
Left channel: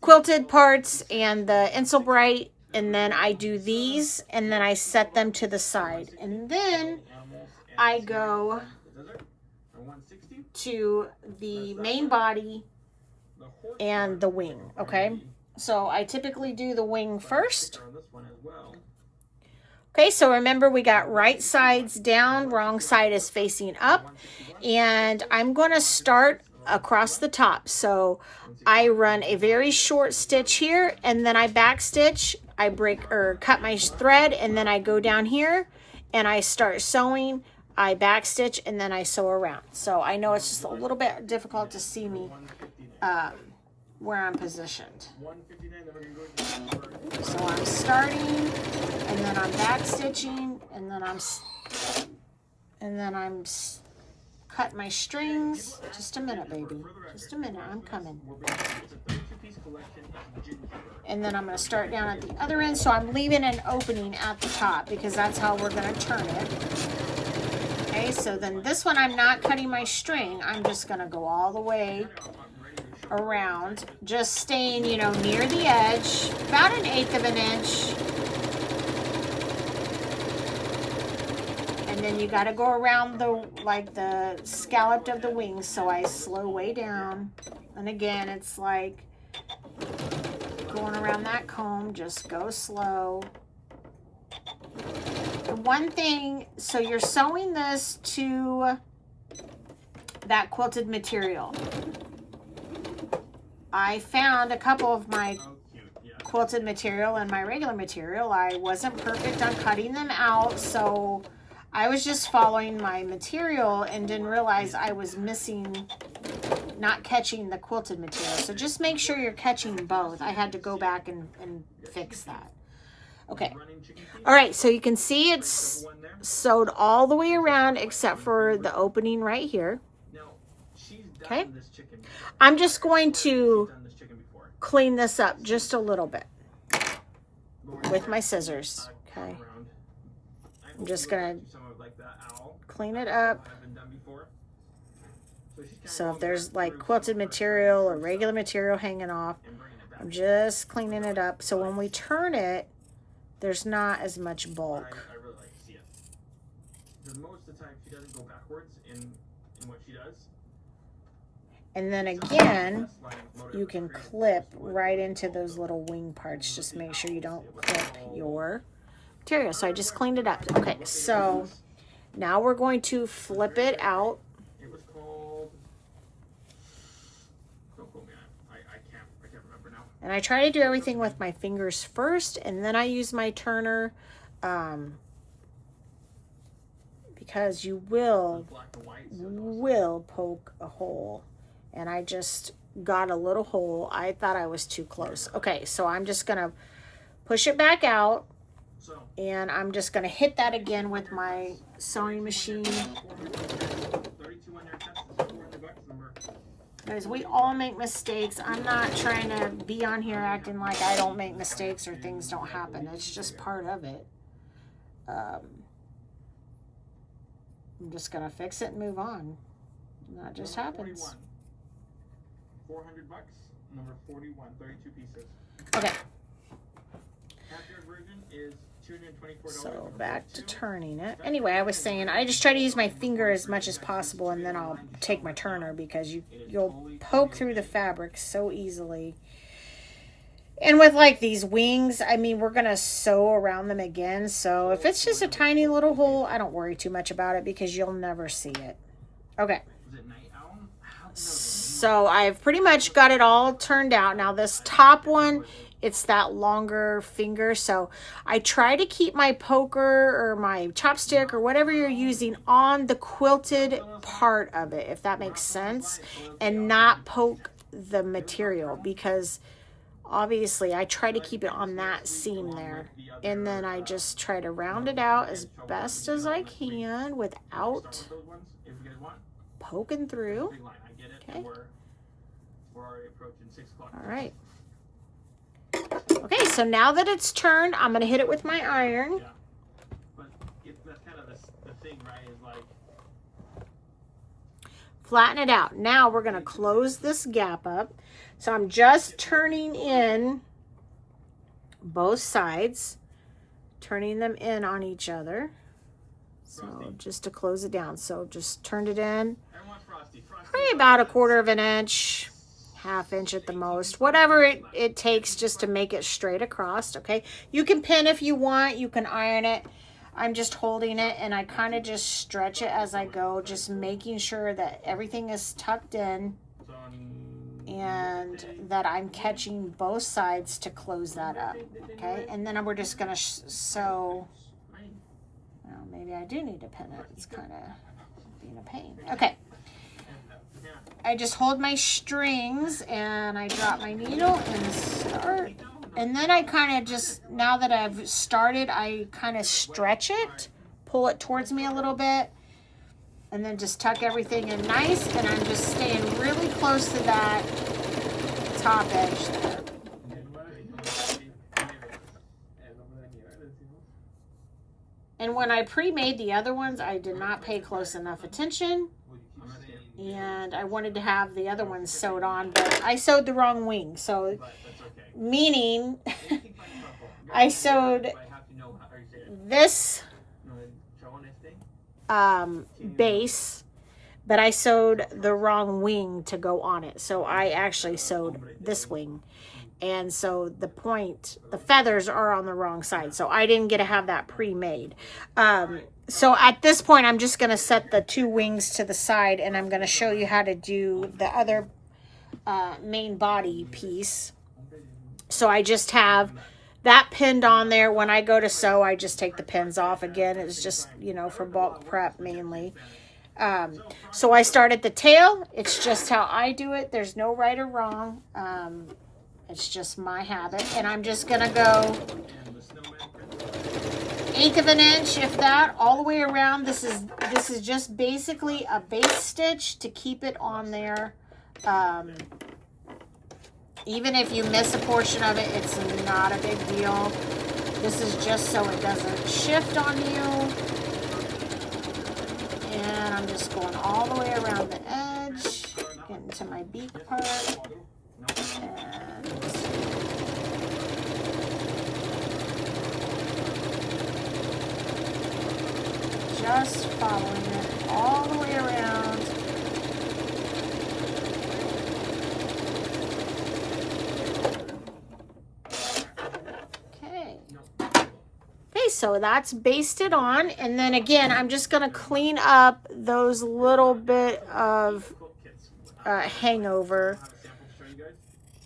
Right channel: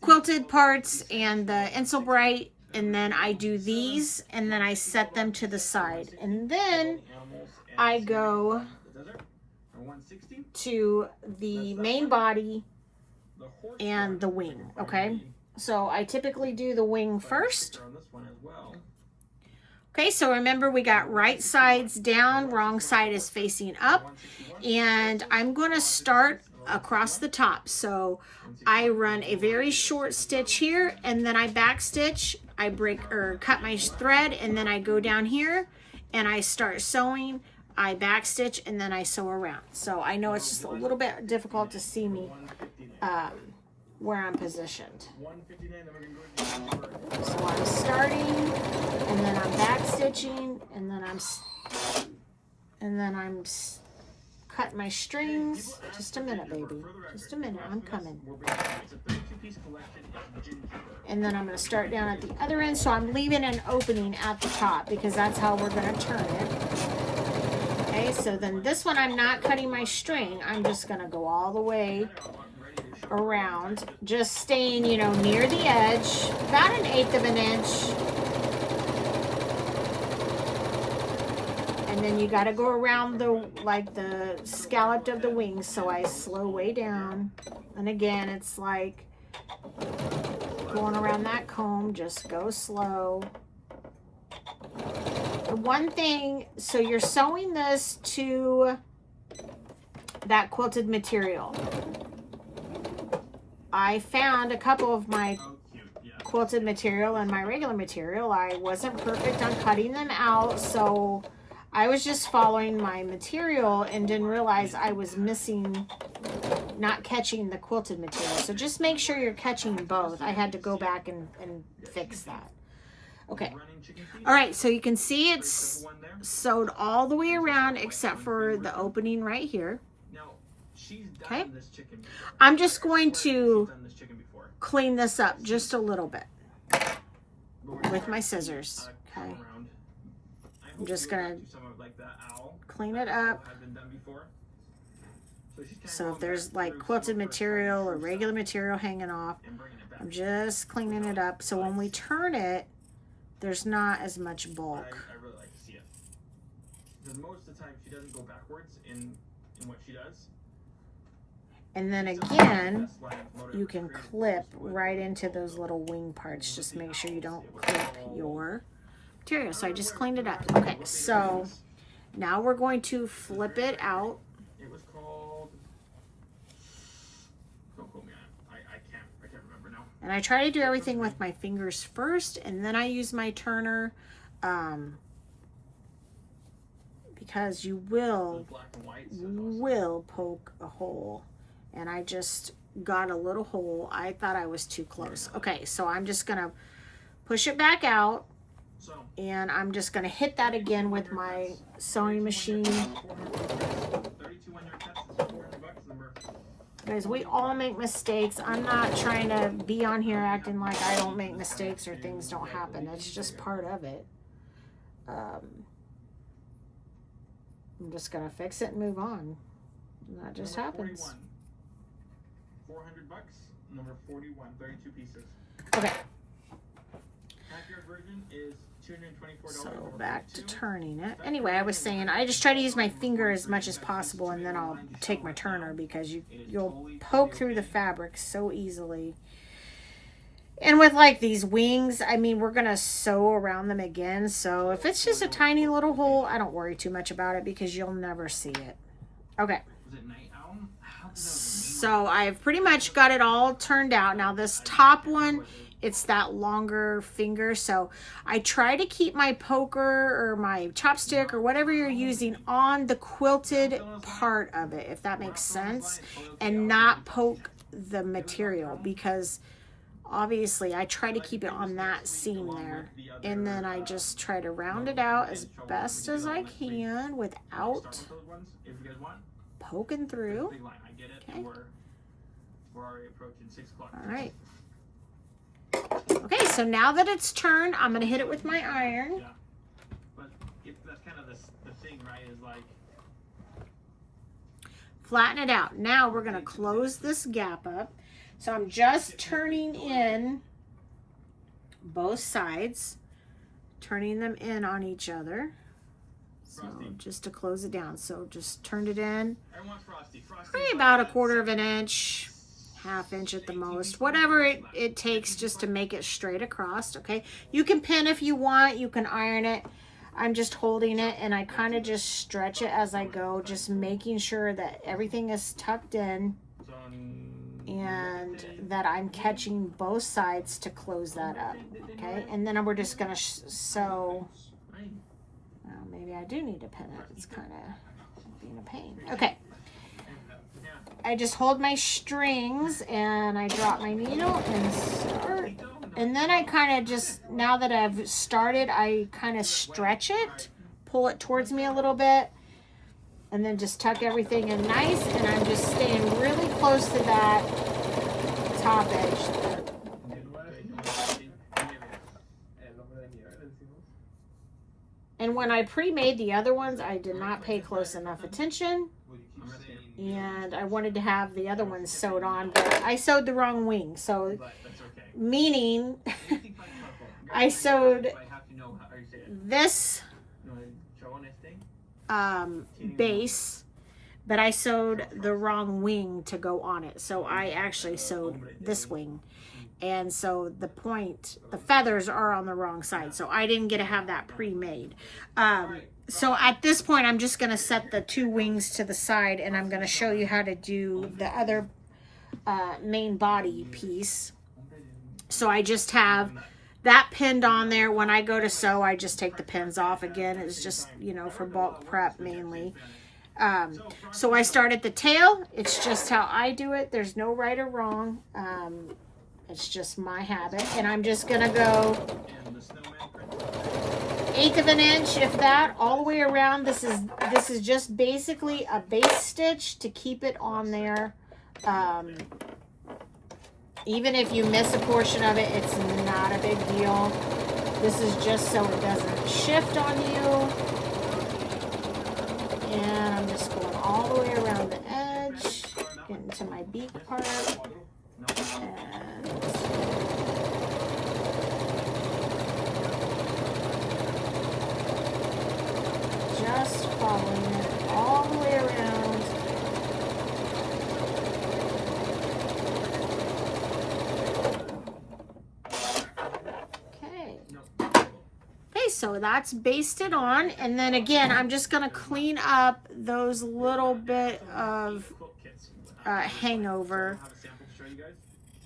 quilted parts and the Insulbrite, and then I do these, and then I set them to the side. And then I go to the main body and the wing, okay? So I typically do the wing first. Okay, so remember we got right sides down, wrong side is facing up. And I'm going to start across the top. So I run a very short stitch here, and then I back stitch. I break or cut my thread, and then I go down here and I start sewing. I back stitch, and then I sew around. So I know it's just a little bit difficult to see me where I'm positioned. So I'm starting, and then I'm back stitching, and then I'm cutting my strings. Just a minute, baby. Just a minute. I'm coming. And then I'm going to start down at the other end. So I'm leaving an opening at the top because that's how we're going to turn it. Okay, so then this one I'm not cutting my string. I'm just going to go all the way around, just staying, you know, near the edge, about 1/8 of an inch. And then you got to go around the scalloped of the wings. So I slow way down. And again, it's like going around that comb, just go slow. The one thing, so you're sewing this to that quilted material. I found a couple of my quilted material and my regular material. I wasn't perfect on cutting them out, so I was just following my material and didn't realize I was missing, not catching the quilted material. So just make sure you're catching both. I had to go back and fix that. Okay. All right, so you can see it's sewed all the way around except for the opening right here. Okay. I'm just going to clean this up just a little bit with my scissors. Okay. I'm just going to clean it up. So if there's like quilted material or regular material hanging off, I'm just cleaning it up. So when we turn it, there's not as much bulk. I really like to see it. Because most of the time she doesn't go backwards in what she does. And then again, you can clip right into those little wing parts. Just make sure you don't clip your material. So I just cleaned it up. Okay, so now we're going to flip it out. It was called, don't quote me on it. I can't remember now. And I try to do everything with my fingers first, and then I use my turner, because you will poke a hole. And I just got a little hole. I thought I was too close. Okay, so I'm just gonna push it back out, and I'm just gonna hit that again with my sewing machine. Guys, we all make mistakes. I'm not trying to be on here acting like I don't make mistakes or things don't happen. It's just part of it. I'm just gonna fix it and move on. And that just happens. 400 bucks, number 41, 32 pieces. Okay. Half-yard version is $224. So back to turning it. Anyway, I was saying I just try to use my finger as much as possible, and then I'll take my turner because you'll poke through the fabric so easily. And with like these wings, I mean, we're gonna sew around them again. So if it's just a tiny little hole, I don't worry too much about it because you'll never see it. Okay. So I've pretty much got it all turned out. Now this top one, it's that longer finger. So I try to keep my poker or my chopstick or whatever you're using on the quilted part of it, if that makes sense, and not poke the material, because obviously I try to keep it on that seam there. And then I just try to round it out as best as I can without poking through. Okay. We're already approaching 6 o'clock. All right. Okay, so now that it's turned, I'm going to hit it with my iron. Yeah. But that's kind of the thing, right? Is like Flatten it out. Now we're going to close this gap up. So I'm just turning in both sides, turning them in on each other. So just to close it down. So just turned it in. Probably about 1/4 of an inch, 1/2 inch at the most. Whatever it takes just to make it straight across, okay? You can pin if you want. You can iron it. I'm just holding it and I kind of just stretch it as I go, just making sure that everything is tucked in and that I'm catching both sides to close that up, okay? And then we're just gonna sew. Well, maybe I do need to pin it. It's kind of being a pain. Okay. I just hold my strings and I drop my needle and start. And then I kind of just, now that I've started, I kind of stretch it, pull it towards me a little bit, and then just tuck everything in nice. And I'm just staying really close to that top edge there. And when I pre-made the other ones, I did not pay close enough attention. And I wanted to have the other ones sewed on, but I sewed the wrong wing. So, meaning I sewed this base, but I sewed the wrong wing to go on it. So I actually sewed this wing. And so the feathers are on the wrong side. So I didn't get to have that pre-made. So at this point, I'm just going to set the 2 wings to the side and I'm going to show you how to do the other main body piece. So I just have that pinned on there. When I go to sew, I just take the pins off. Again, it's just, you know, for bulk prep mainly. So I start at the tail. It's just how I do it. There's no right or wrong. It's just my habit. And I'm just going to go 1/8 of an inch, if that, all the way around. This is just basically a base stitch to keep it on there. Even if you miss a portion of it, it's not a big deal. This is just so it doesn't shift on you. And I'm just going all the way around the edge, getting to my beak part. And just following it all the way around. Okay, so that's basted on. And then again, I'm just going to clean up those little bit of hangover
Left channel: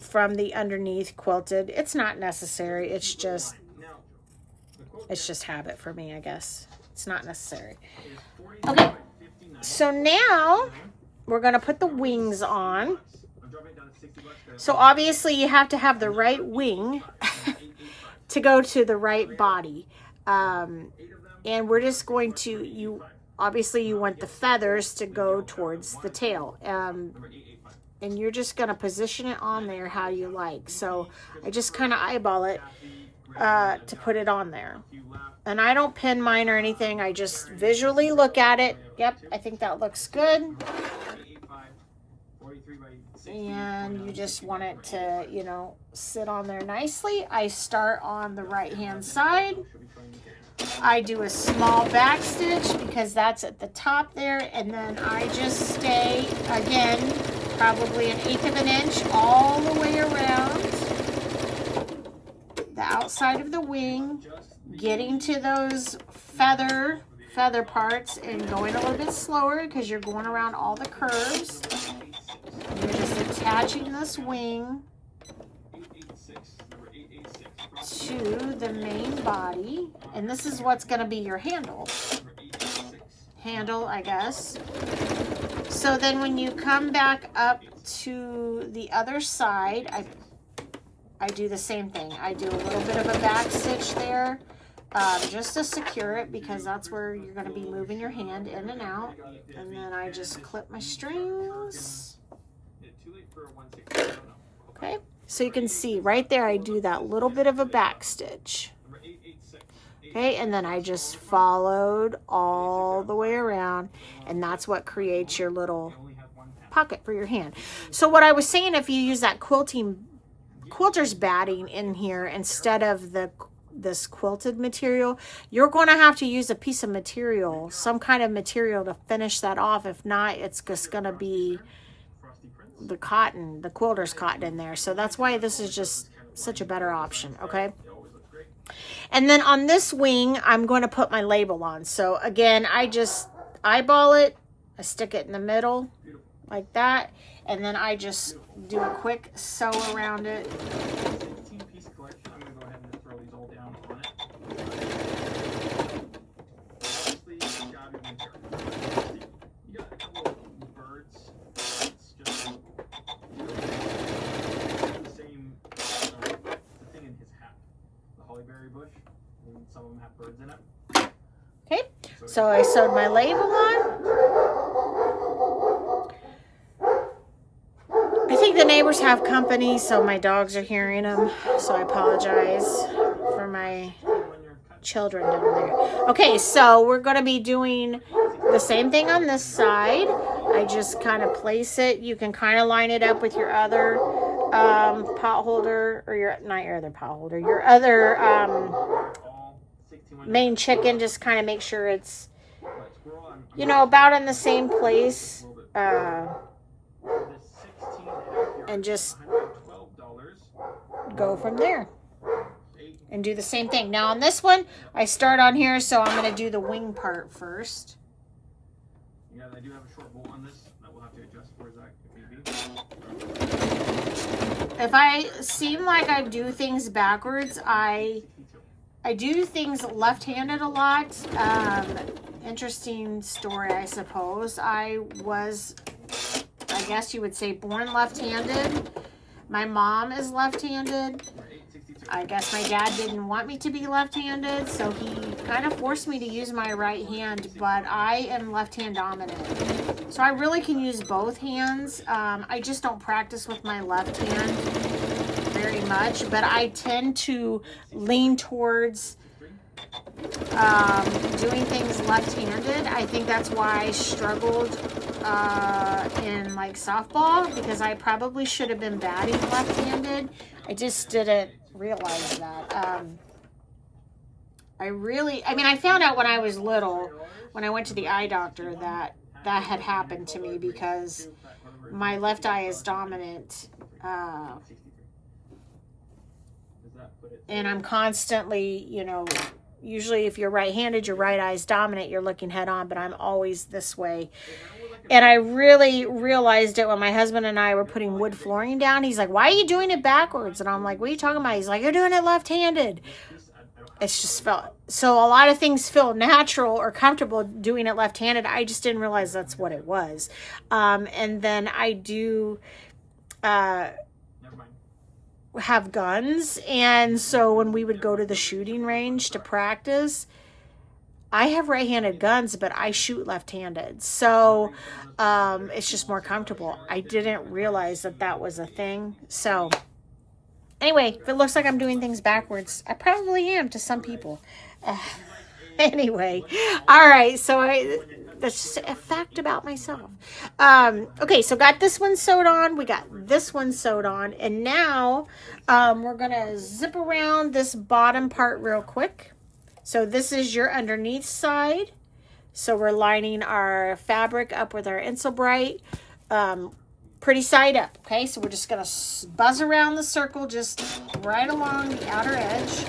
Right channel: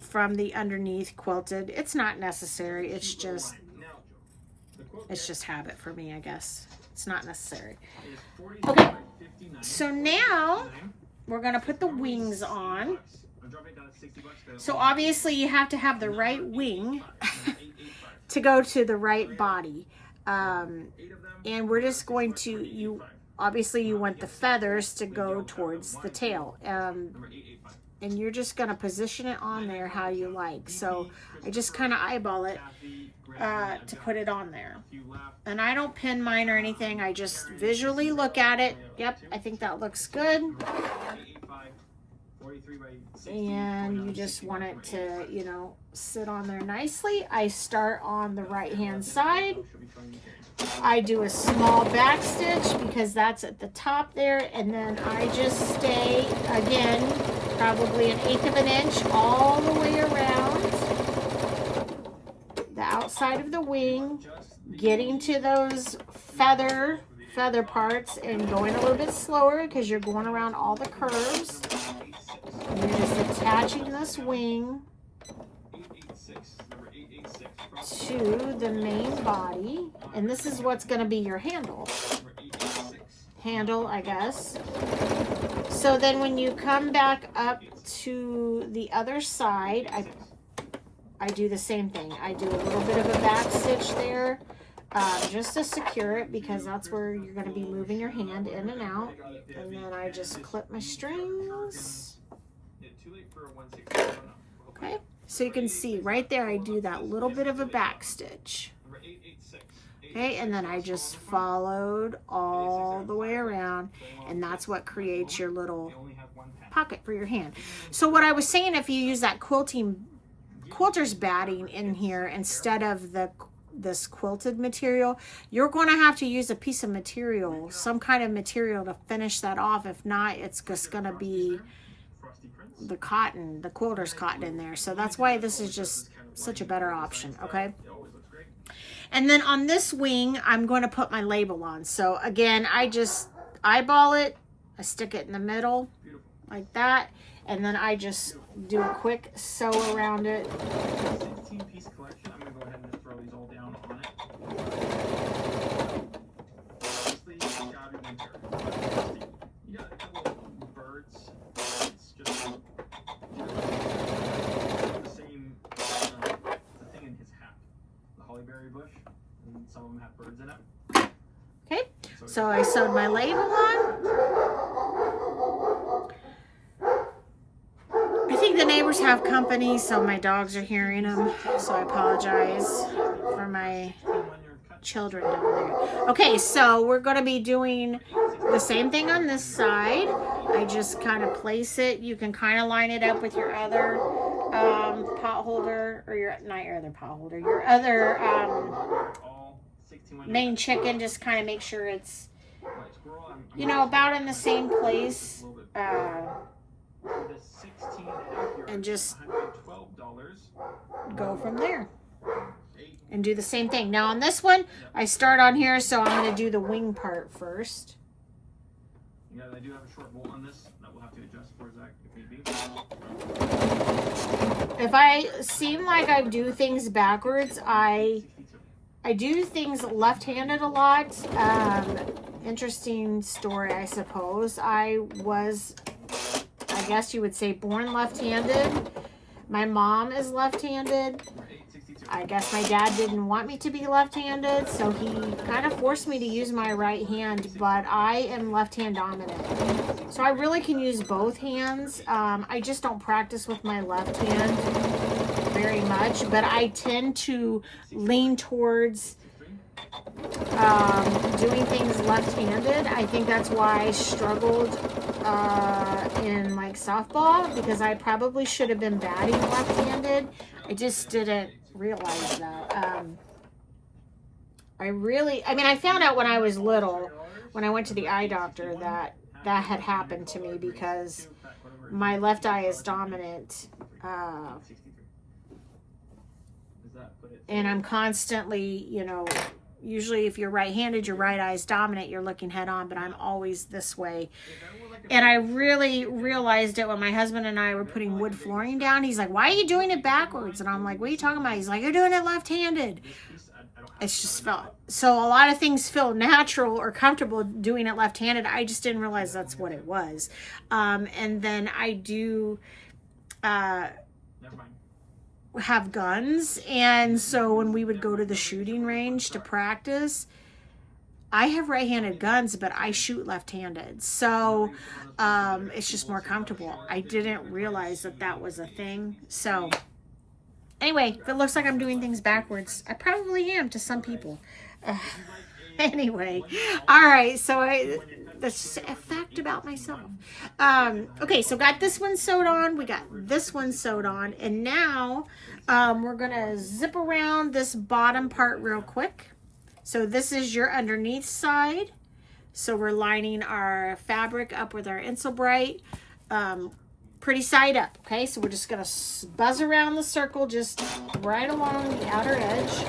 from the underneath quilted. It's not necessary. It's just habit for me, I guess. It's not necessary. Okay, so now we're going to put the wings on. So obviously you have to have the right wing to go to the right body. And we're just going to, obviously you want the feathers to go towards the tail. And you're just going to position it on there how you like. So I just kind of eyeball it to put it on there. And I don't pin mine or anything. I just visually look at it. Yep, I think that looks good. And you just want it to, you know, sit on there nicely. I start on the right-hand side. I do a small back stitch because that's at the top there. And then I just stay, again, probably 1/8 of an inch all the way around the outside of the wing, getting to those feather parts and going a little bit slower because you're going around all the curves. And you're just attaching this wing to the main body. And this is what's going to be your handle, I guess. So then when you come back up to the other side, I do the same thing. I do a little bit of a back stitch there just to secure it because that's where you're going to be moving your hand in and out. And then I just clip my strings. Okay. So you can see right there, I do that little bit of a back stitch. Okay, and then I just followed all the way around, and that's what creates your little pocket for your hand. So what I was saying, if you use that quilter's batting in here instead of this quilted material, you're going to have to use a piece of material, some kind of material to finish that off. If not, it's just going to be the cotton, the quilter's cotton in there. So that's why this is just such a better option, okay? And then on this wing, I'm going to put my label on. So again, I just eyeball it, I stick it in the middle like that, and then I just do a quick sew around it. 16-piece collection. I'm going to go ahead and throw these all down on it. Obviously, you gotta be winter. You got a couple of birds. It's just the same the thing in his hat. The hollyberry bush. And some of them have birds in it. Okay, so I sewed my label on. I think the neighbors have company, so my dogs are hearing them. So I apologize for my children down there. Okay, so we're going to be doing the same thing on this side. I just kind of place it. You can kind of line it up with your other pot holder, or your other main chicken. Just kind of make sure it's, you know, about in the same place. And just go from there and do the same thing. Now on this one, I start on here, so I'm going to do the wing part first. Yeah, I do have a short bolt on this that we'll have to adjust for Zach if need be. If I seem like I do things backwards, I do things left-handed a lot. Interesting story, I suppose. I guess you would say born left-handed. My mom is left-handed. I guess my dad didn't want me to be left-handed, so he kind of forced me to use my right hand, but I am left-hand dominant. So I really can use both hands. I just don't practice with my left hand very much, but I tend to lean towards doing things left-handed. I think that's why I struggled in like softball, because I probably should have been batting left-handed. I just didn't realize that. I found out when I was little, when I went to the eye doctor, that had happened to me because my left eye is dominant. And I'm constantly, you know, usually if you're right-handed, your right eye is dominant, you're looking head on, but I'm always this way. And I really realized it when my husband and I were putting wood flooring down. He's like, why are you doing it backwards? And I'm like, what are you talking about? He's like, you're doing it left-handed. It's just felt, so a lot of things feel natural or comfortable doing it left-handed. I just didn't realize that's what it was. And then I do have guns, and so when we would go to the shooting range to practice, I have right-handed guns, but I shoot left-handed, so it's just more comfortable. I didn't realize that was a thing. So anyway, if it looks like I'm doing things backwards, I probably am to some people. Anyway, all right, so that's just a fact about myself. Okay, so got this one sewed on, we got this one sewed on, and now we're gonna zip around this bottom part real quick. So this is your underneath side. So we're lining our fabric up with our Insulbrite, pretty side up, okay? So we're just gonna buzz around the circle, just right along the outer edge.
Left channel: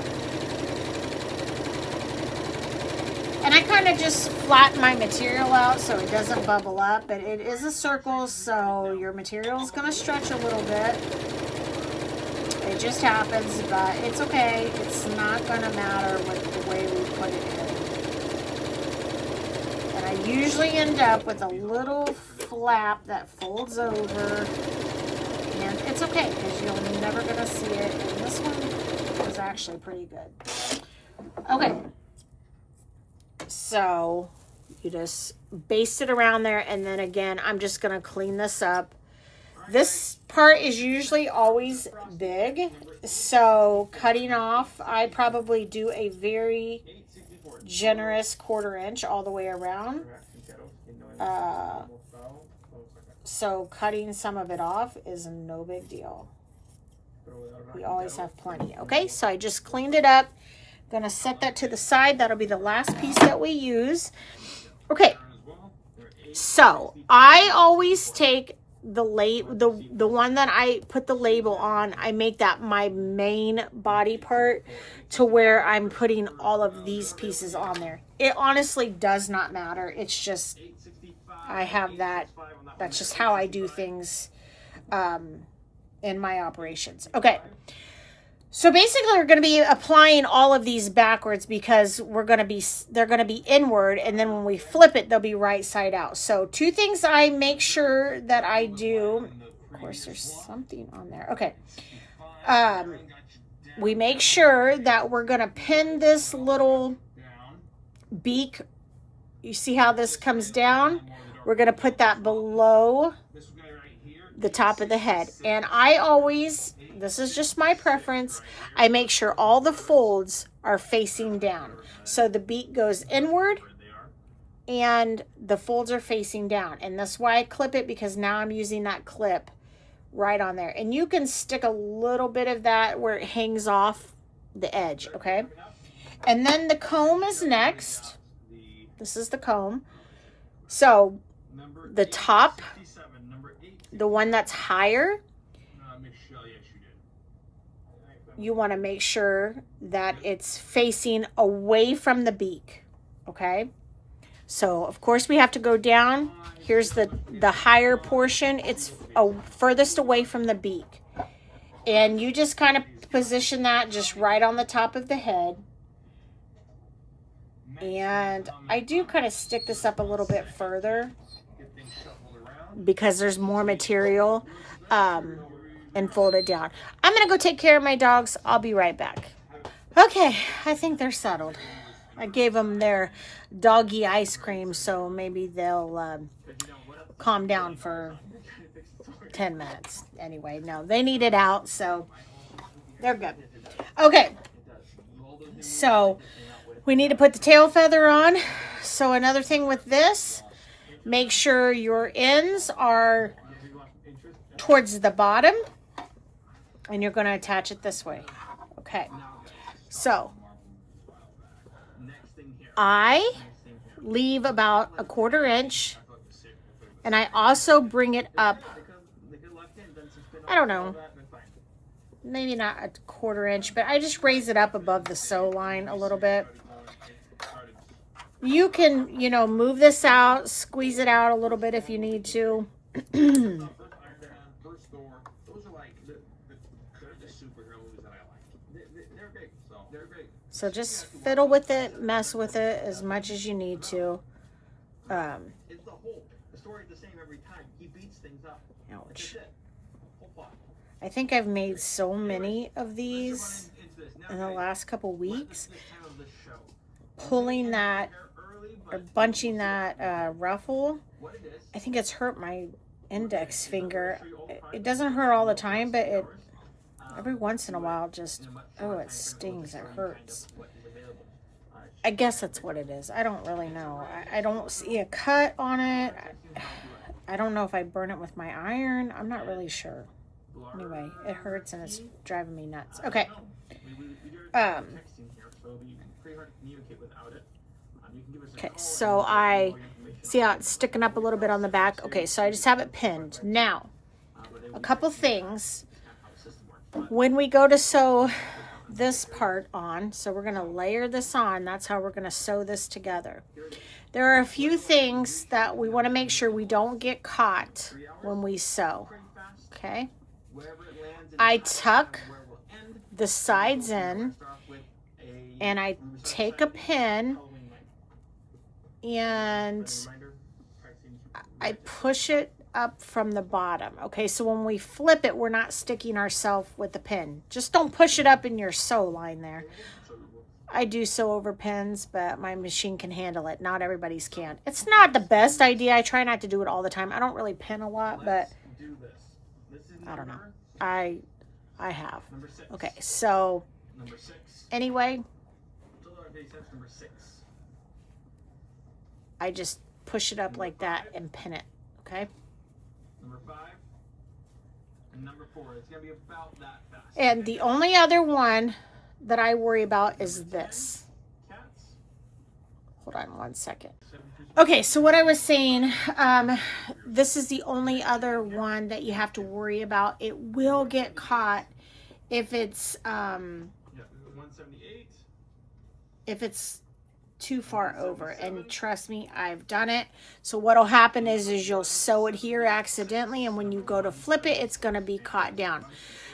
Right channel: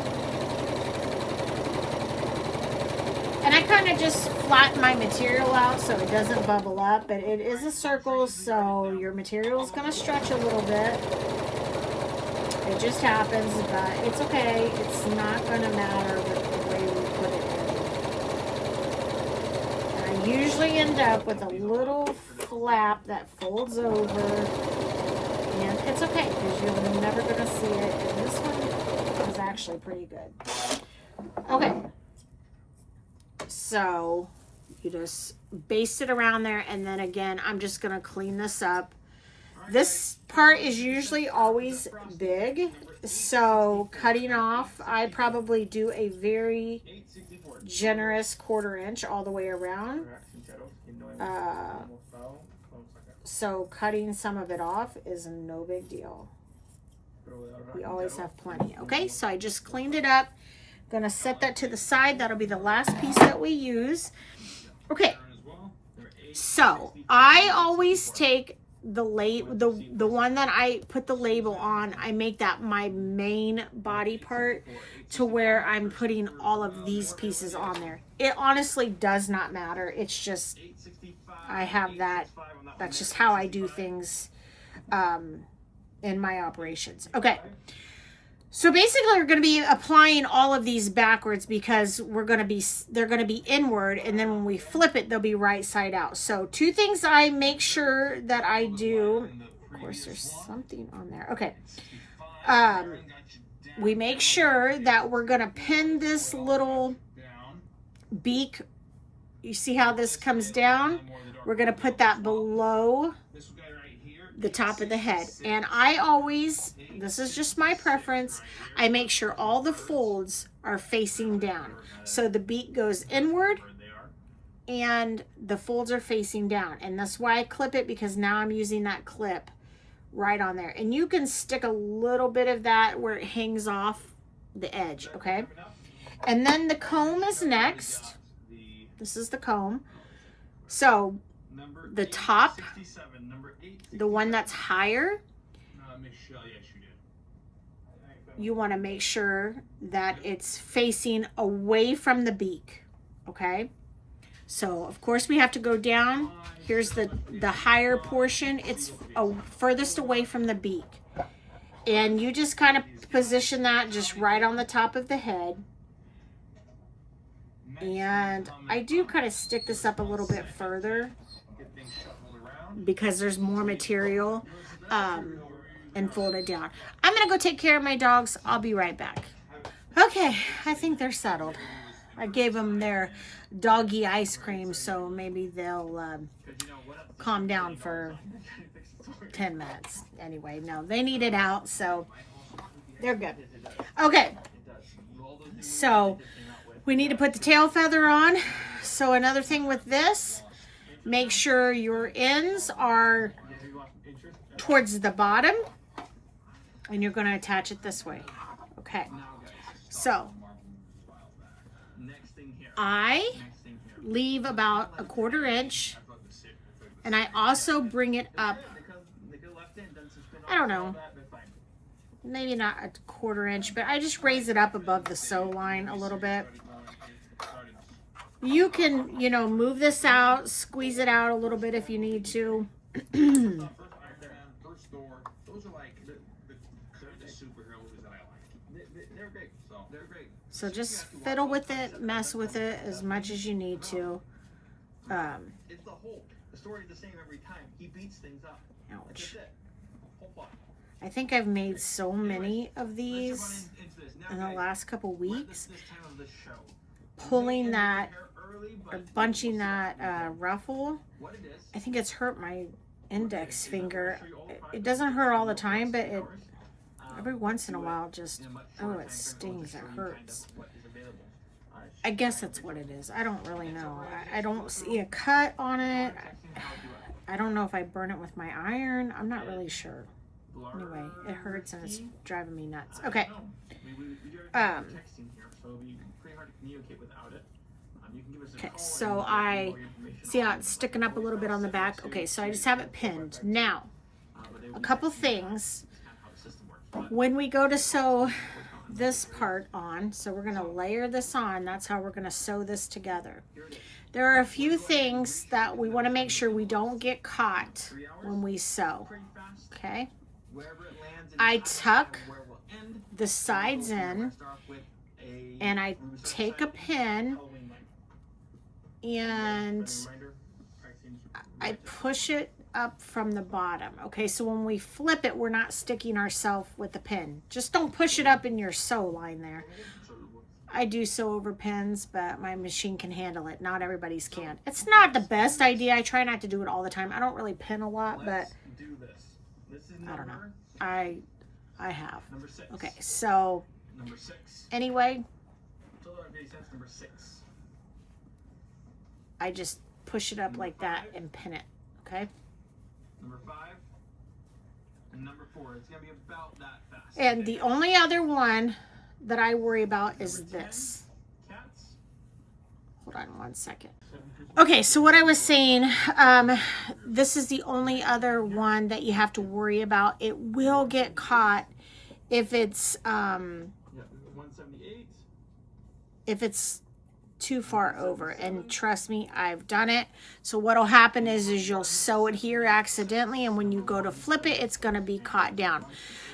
And I kind of just flatten my material out so it doesn't bubble up, but it is a circle, so your material is going to stretch a little bit. It just happens, but it's okay. It's not going to matter with the way we put it in. And I usually end up with a little flap that folds over, and it's okay because you're never going to see it. And this one is actually pretty good. Okay. So you just baste it around there, and then again, I'm just going to clean this up This part is usually always big, so cutting off, I probably do a very generous 1/4 inch all the way around. So cutting some of it off is no big deal. We always have plenty. Okay, so I just cleaned it up. Gonna set that to the side. That'll be the last piece that we use. Okay, so I always take the one that I put the label on. I make that my main body part to where I'm putting all of these pieces on there. It honestly does not matter. It's just I have that. That's just how I do things in my operations. Okay. So basically we're going to be applying all of these backwards because they're going to be inward, and then when we flip it, they'll be right side out. So 2 things I make sure that I do. Of course, there's something on there. Okay. We make sure that we're going to pin this little beak. You see how this comes down? We're going to put that below the top of the head. And I always, this is just my preference, I make sure all the folds are facing down. So the beak goes inward and the folds are facing down. And that's why I clip it, because now I'm using that clip right on there. And you can stick a little bit of that where it hangs off the edge, okay? And then the comb is next. This is the comb. So the top, the one that's higher, you want to make sure that it's facing away from the beak, okay? So of course we have to go down. Here's the higher portion. It's furthest away from the beak. And you just kind of position that just right on the top of the head. And I do kind of stick this up a little bit further because there's more material, and fold it down. I'm going to go take care of my dogs. I'll be right back. Okay, I think they're settled. I gave them their doggy ice cream, so maybe they'll calm down for 10 minutes. Anyway, no, they need it out, so they're good. Okay, so we need to put the tail feather on. So another thing with this, make sure your ends are towards the bottom, and you're going to attach it this way. Okay, so I leave about a 1/4 inch, and I also bring it up, I don't know, maybe not a 1/4 inch, but I just raise it up above the sew line a little bit. You can, you know, move this out, squeeze it out a little bit if you need to. So just fiddle with it, mess with it as much as you need to. Ouch. I think I've made so many of these in the last couple weeks. Pulling that or bunching that ruffle, I think it's hurt my index finger. It doesn't hurt all the time, but it every once in a while just, oh, it stings, it hurts. I guess that's what it is. I don't really know. I don't see a cut on it. I don't know if I burn it with my iron. I'm not really sure. Anyway, it hurts and it's driving me nuts. Okay. Okay, so I see how it's sticking up a little bit on the back. Okay, so I just have it pinned. Now, a couple things. When we go to sew this part on, so we're going to layer this on. That's how we're going to sew this together. There are a few things that we want to make sure we don't get caught when we sew. Okay? I tuck the sides in, and I take a pin and I push it up from the bottom. Okay, so when we flip it, we're not sticking ourselves with the pin. Just don't push it up in your sew line there. I do sew over pins, but my machine can handle it. Not everybody's can. It's not the best idea. I try not to do it all the time. I don't really pin a lot, but This is I don't know. number- I have. Number 6. Okay, so Number 6. anyway, Total everyday sense number 6. I just push it up like that and pin it. Okay. Number 5. And number 4. It's gonna be about that fast. And the only other one that I worry about is this. Cats. Hold on one second. 7. Okay, so what I was saying, this is the only other one that you have to worry about. It will get caught if it's Yeah. 178. if it's too far over, and trust me, I've done it. So what'll happen is you'll sew it here accidentally, and when you go to flip it, it's going to be caught down.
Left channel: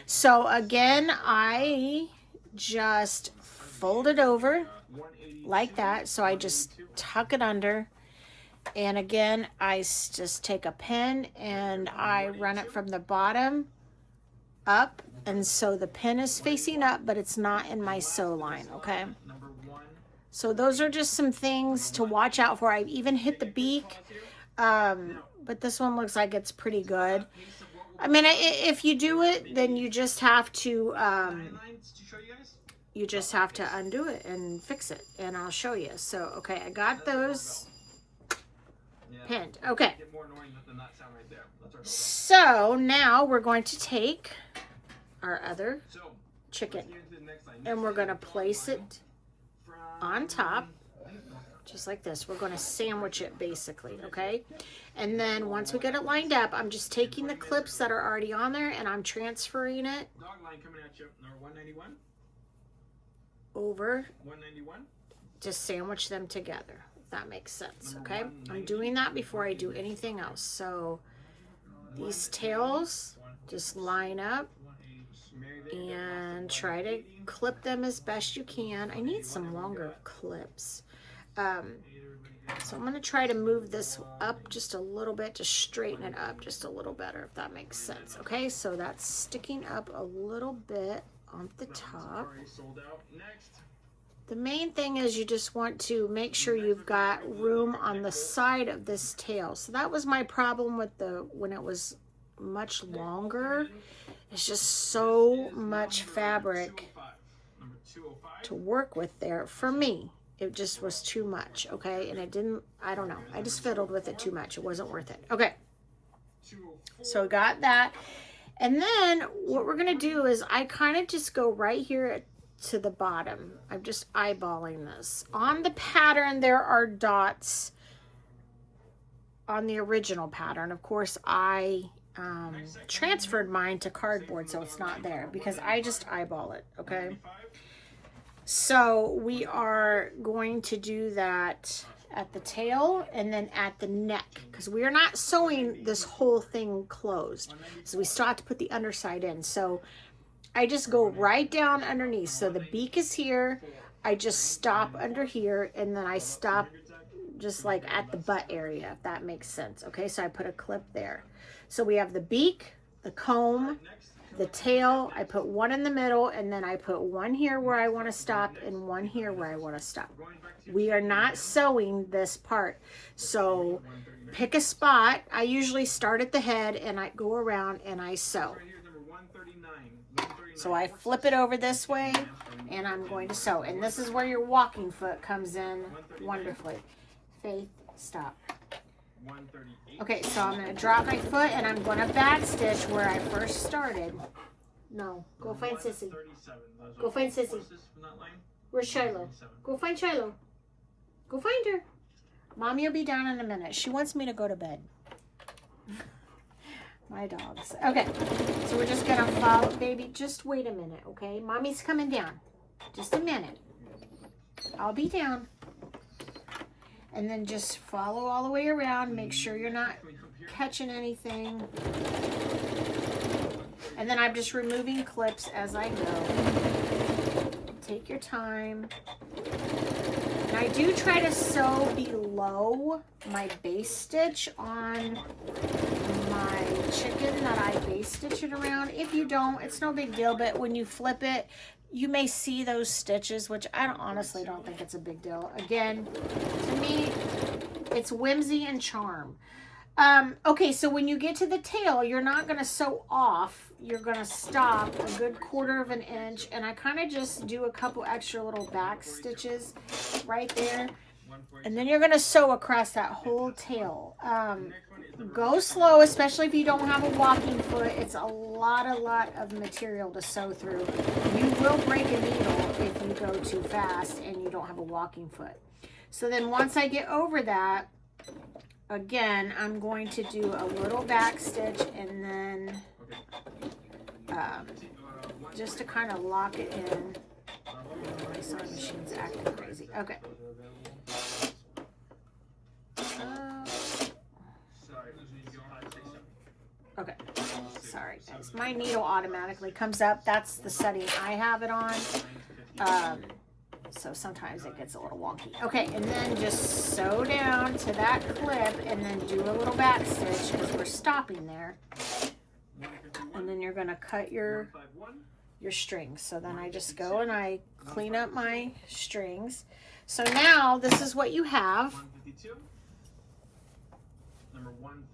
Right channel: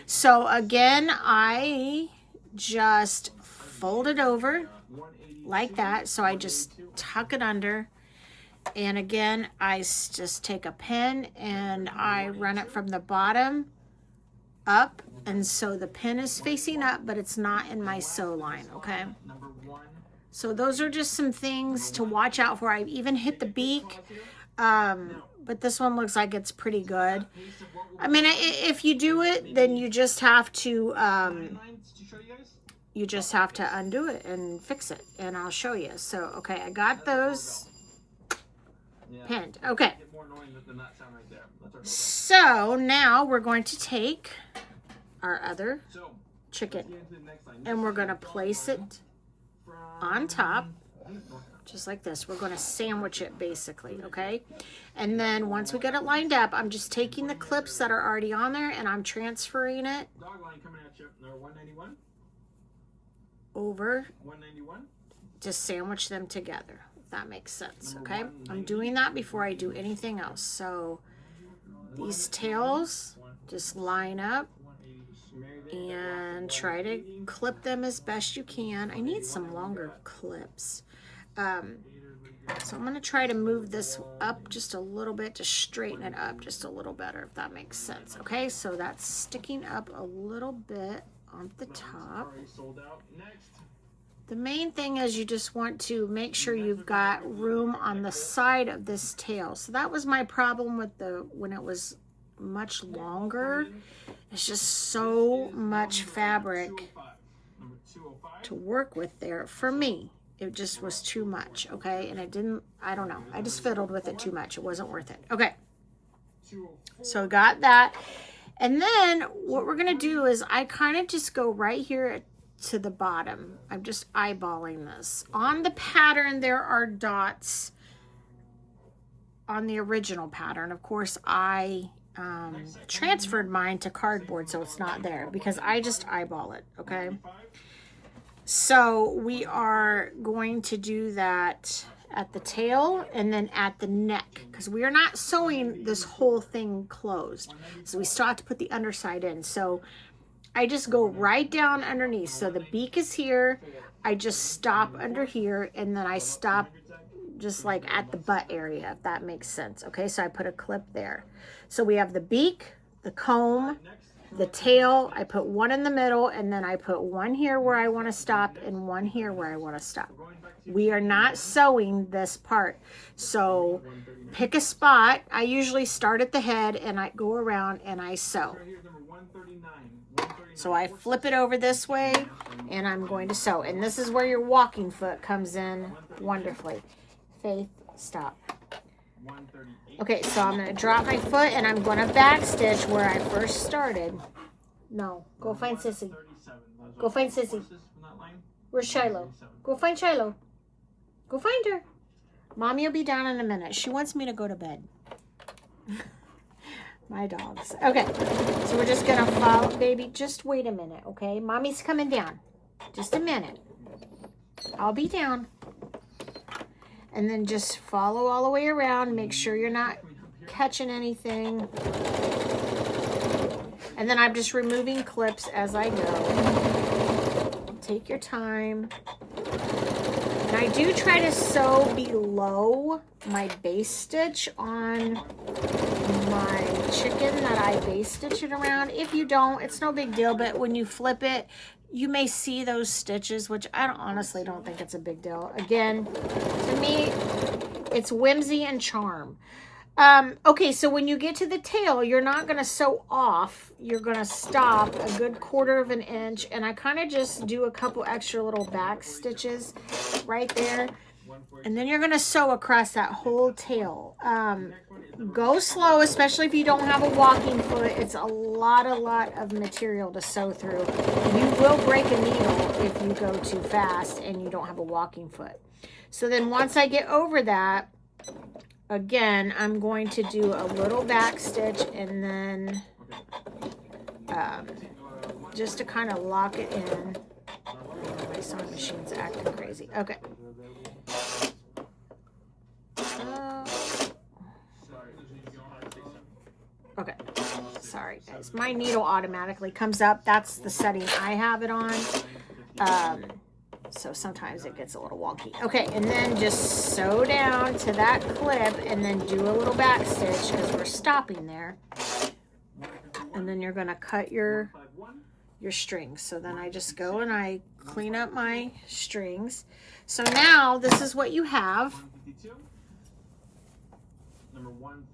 So again, I just fold it over 180. like that. So I just tuck it under, and again, I just take a pin and I run it from the bottom up, and so the pin is facing up, but it's not in my sew line. Okay. Number 1. So those are just some things to watch out for. I even hit the beak, but this one looks like it's pretty good. I mean, if you do it, then you just have to Lines to show you guys. undo it and fix it, and I'll show you. So okay, I got those Yeah. pinned. Okay, Get more annoying than that sound right there. That's our so now we're going to take our other So, chicken get into the next line. and we're going to place it From on top, just like this. We're going to sandwich it basically, okay? And then once we get it lined up, I'm just taking the clips that are already on there and I'm transferring it Dog line coming at you. Number 191. over 191. to sandwich them together, if that makes sense, okay? I'm doing that before I do anything else. So these tails just line up 180. and try to clip them as best you can. I need some longer clips. So I'm going to try to move this up just a little bit to straighten it up just a little better, if that makes sense. Okay, so that's sticking up a little bit on the top. Already sold out. Next. The main thing is you just want to make sure you've got room on the side of this tail. So that was my problem with when it was much longer. It's just so much fabric 205. Number 205. to work with there for me. It just was too much, okay? And it didn't, I don't know. I just fiddled with it too much. It wasn't worth it. Okay, 204. so got that. And then what we're going to do is I kind of just go right here to the bottom. I'm just eyeballing this. On the pattern, there are dots on the original pattern. Of course, I transferred mine to cardboard, so it's not there because I just eyeball it, okay? So we are going to do that at the tail and then at the neck, because we are not sewing this whole thing closed. So we still have to put the underside in. So I just go right down underneath. So the beak is here. I just stop under here, and then I stop just like at the butt area, if that makes sense. Okay, so I put a clip there. So we have the beak, the comb, the tail. I put one in the middle, and then I put one here where I want to stop and one here where I want to stop. We are not sewing this part. So pick a spot. I usually start at the head and I go around and I sew. Right here is number 139. 139. So I flip it over this way and I'm going to sew. And this is where your walking foot comes in wonderfully. Faith, stop. 138. Okay, so I'm going to drop my foot and I'm going to back stitch where I first started. No, go find Sissy. 137. Those Go are find Sissy. horses from that line. Where's Shiloh? Go find Shiloh. Go find her. Mommy will be down in a minute. She wants me to go to bed. My dogs. Okay, so we're just going to follow. Baby, just wait a minute, okay? Mommy's coming down. Just a minute. I'll be down. And then just follow all the way around. Make sure you're not catching anything. And then I'm just removing clips as I go. Take your time. And I do try to sew below my base stitch on my chicken that I base stitch it around. If you don't, it's no big deal, but when you flip it, you may see those stitches, which I honestly don't think it's a big deal. Again, to me, it's whimsy and charm. Okay, so when you get to the tail, you're not going to sew off. You're going to stop a good 1/4 of an inch. And I kind of just do a couple extra little back stitches right there. And then you're going to sew across that whole tail. Go slow, especially if you don't have a walking foot. It's a lot of material to sew through. You will break a needle if you go too fast and you don't have a walking foot. So then once I get over that, again, I'm going to do a little back stitch and then just to kind of lock it in. My sewing machine's acting crazy. Okay. Okay. Sorry, guys. My needle automatically comes up. That's the setting I have it on. So sometimes it gets a little wonky. Okay, and then just sew down to that clip and then do a little back stitch as we're stopping there. And then you're going to cut your strings. So then I just go and I clean up my strings. So now this is what you have.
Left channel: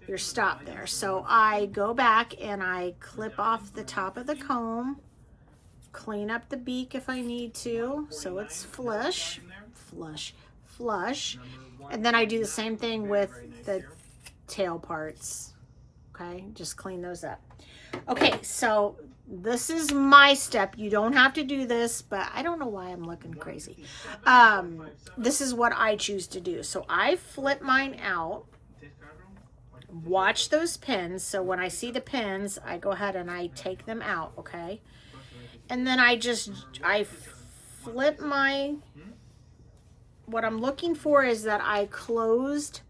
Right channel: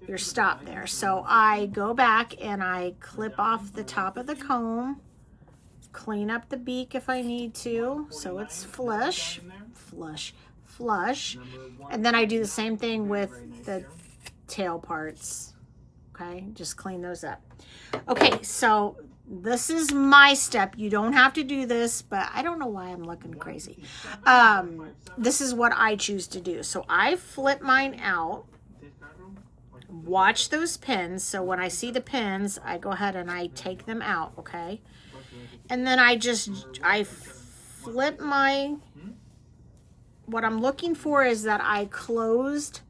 Your stop there. So I go back and I clip off the top of the comb. Clean up the beak if I need to, so it's flush, and then I do the same thing with the tail parts. Okay, just clean those up. Okay, so this is my step. You don't have to do this, but I don't know why I'm looking crazy. This is what I choose to do. So I flip mine out. Watch those pins. So when I see the pins, I go ahead and I take them out, okay? And then I flip my, what I'm looking for is that I closed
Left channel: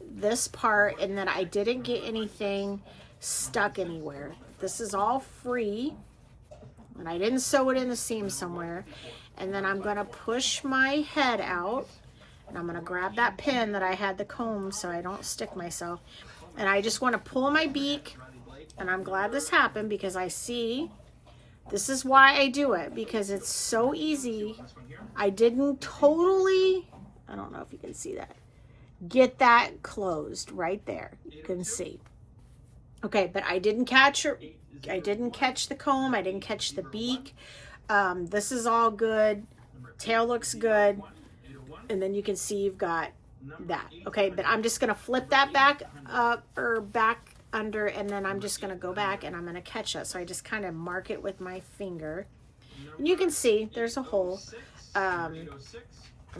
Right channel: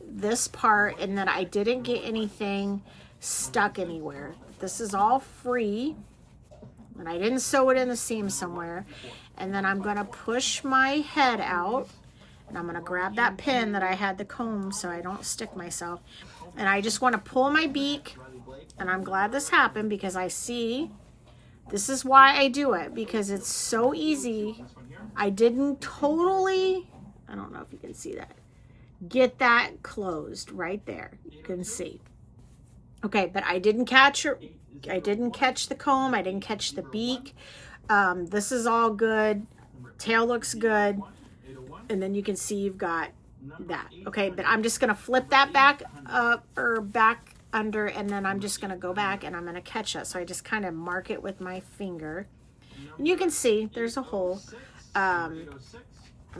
this part and that I didn't get anything stuck anywhere. This is all free and I didn't sew it in the seam somewhere. And then I'm going to push my head out and I'm going to grab that pin that I had the comb so I don't stick myself. And I just want to pull my beak, and I'm glad this happened because I see. This is why I do it, because it's so easy. I didn't totally, I don't know if you can see that, get that closed right there. You can see. Okay, but I didn't catch the comb. I didn't catch the beak. This is all good. Tail looks good. And then you can see you've got that. Okay, but I'm just going to flip that back up or back under, and then I'm just going to go back and I'm going to catch it. So I just kind of mark it with my finger. And you can see there's a hole. I'm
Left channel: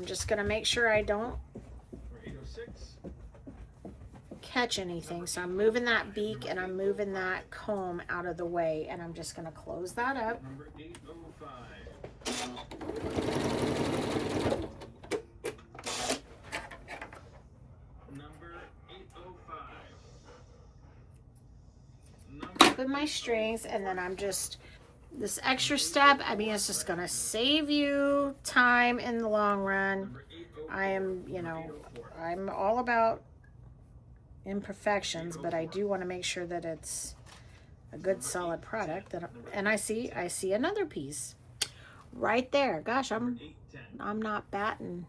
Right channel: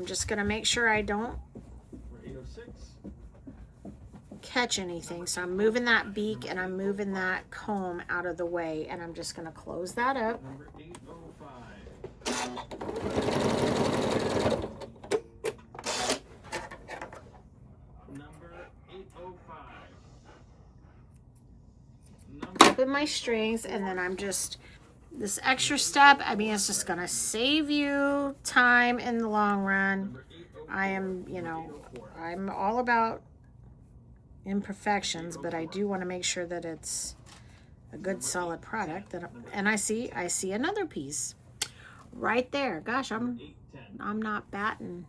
just going to make sure I don't catch anything. So I'm moving that beak and I'm moving that comb out of the way, and I'm just going to close that up. With my strings, and then I'm just, this extra step, I mean, it's just gonna save you time in the long run. I am, you know, I'm all about imperfections, but I do want to make sure that it's a good solid product. And I see another piece right there. Gosh, I'm not batting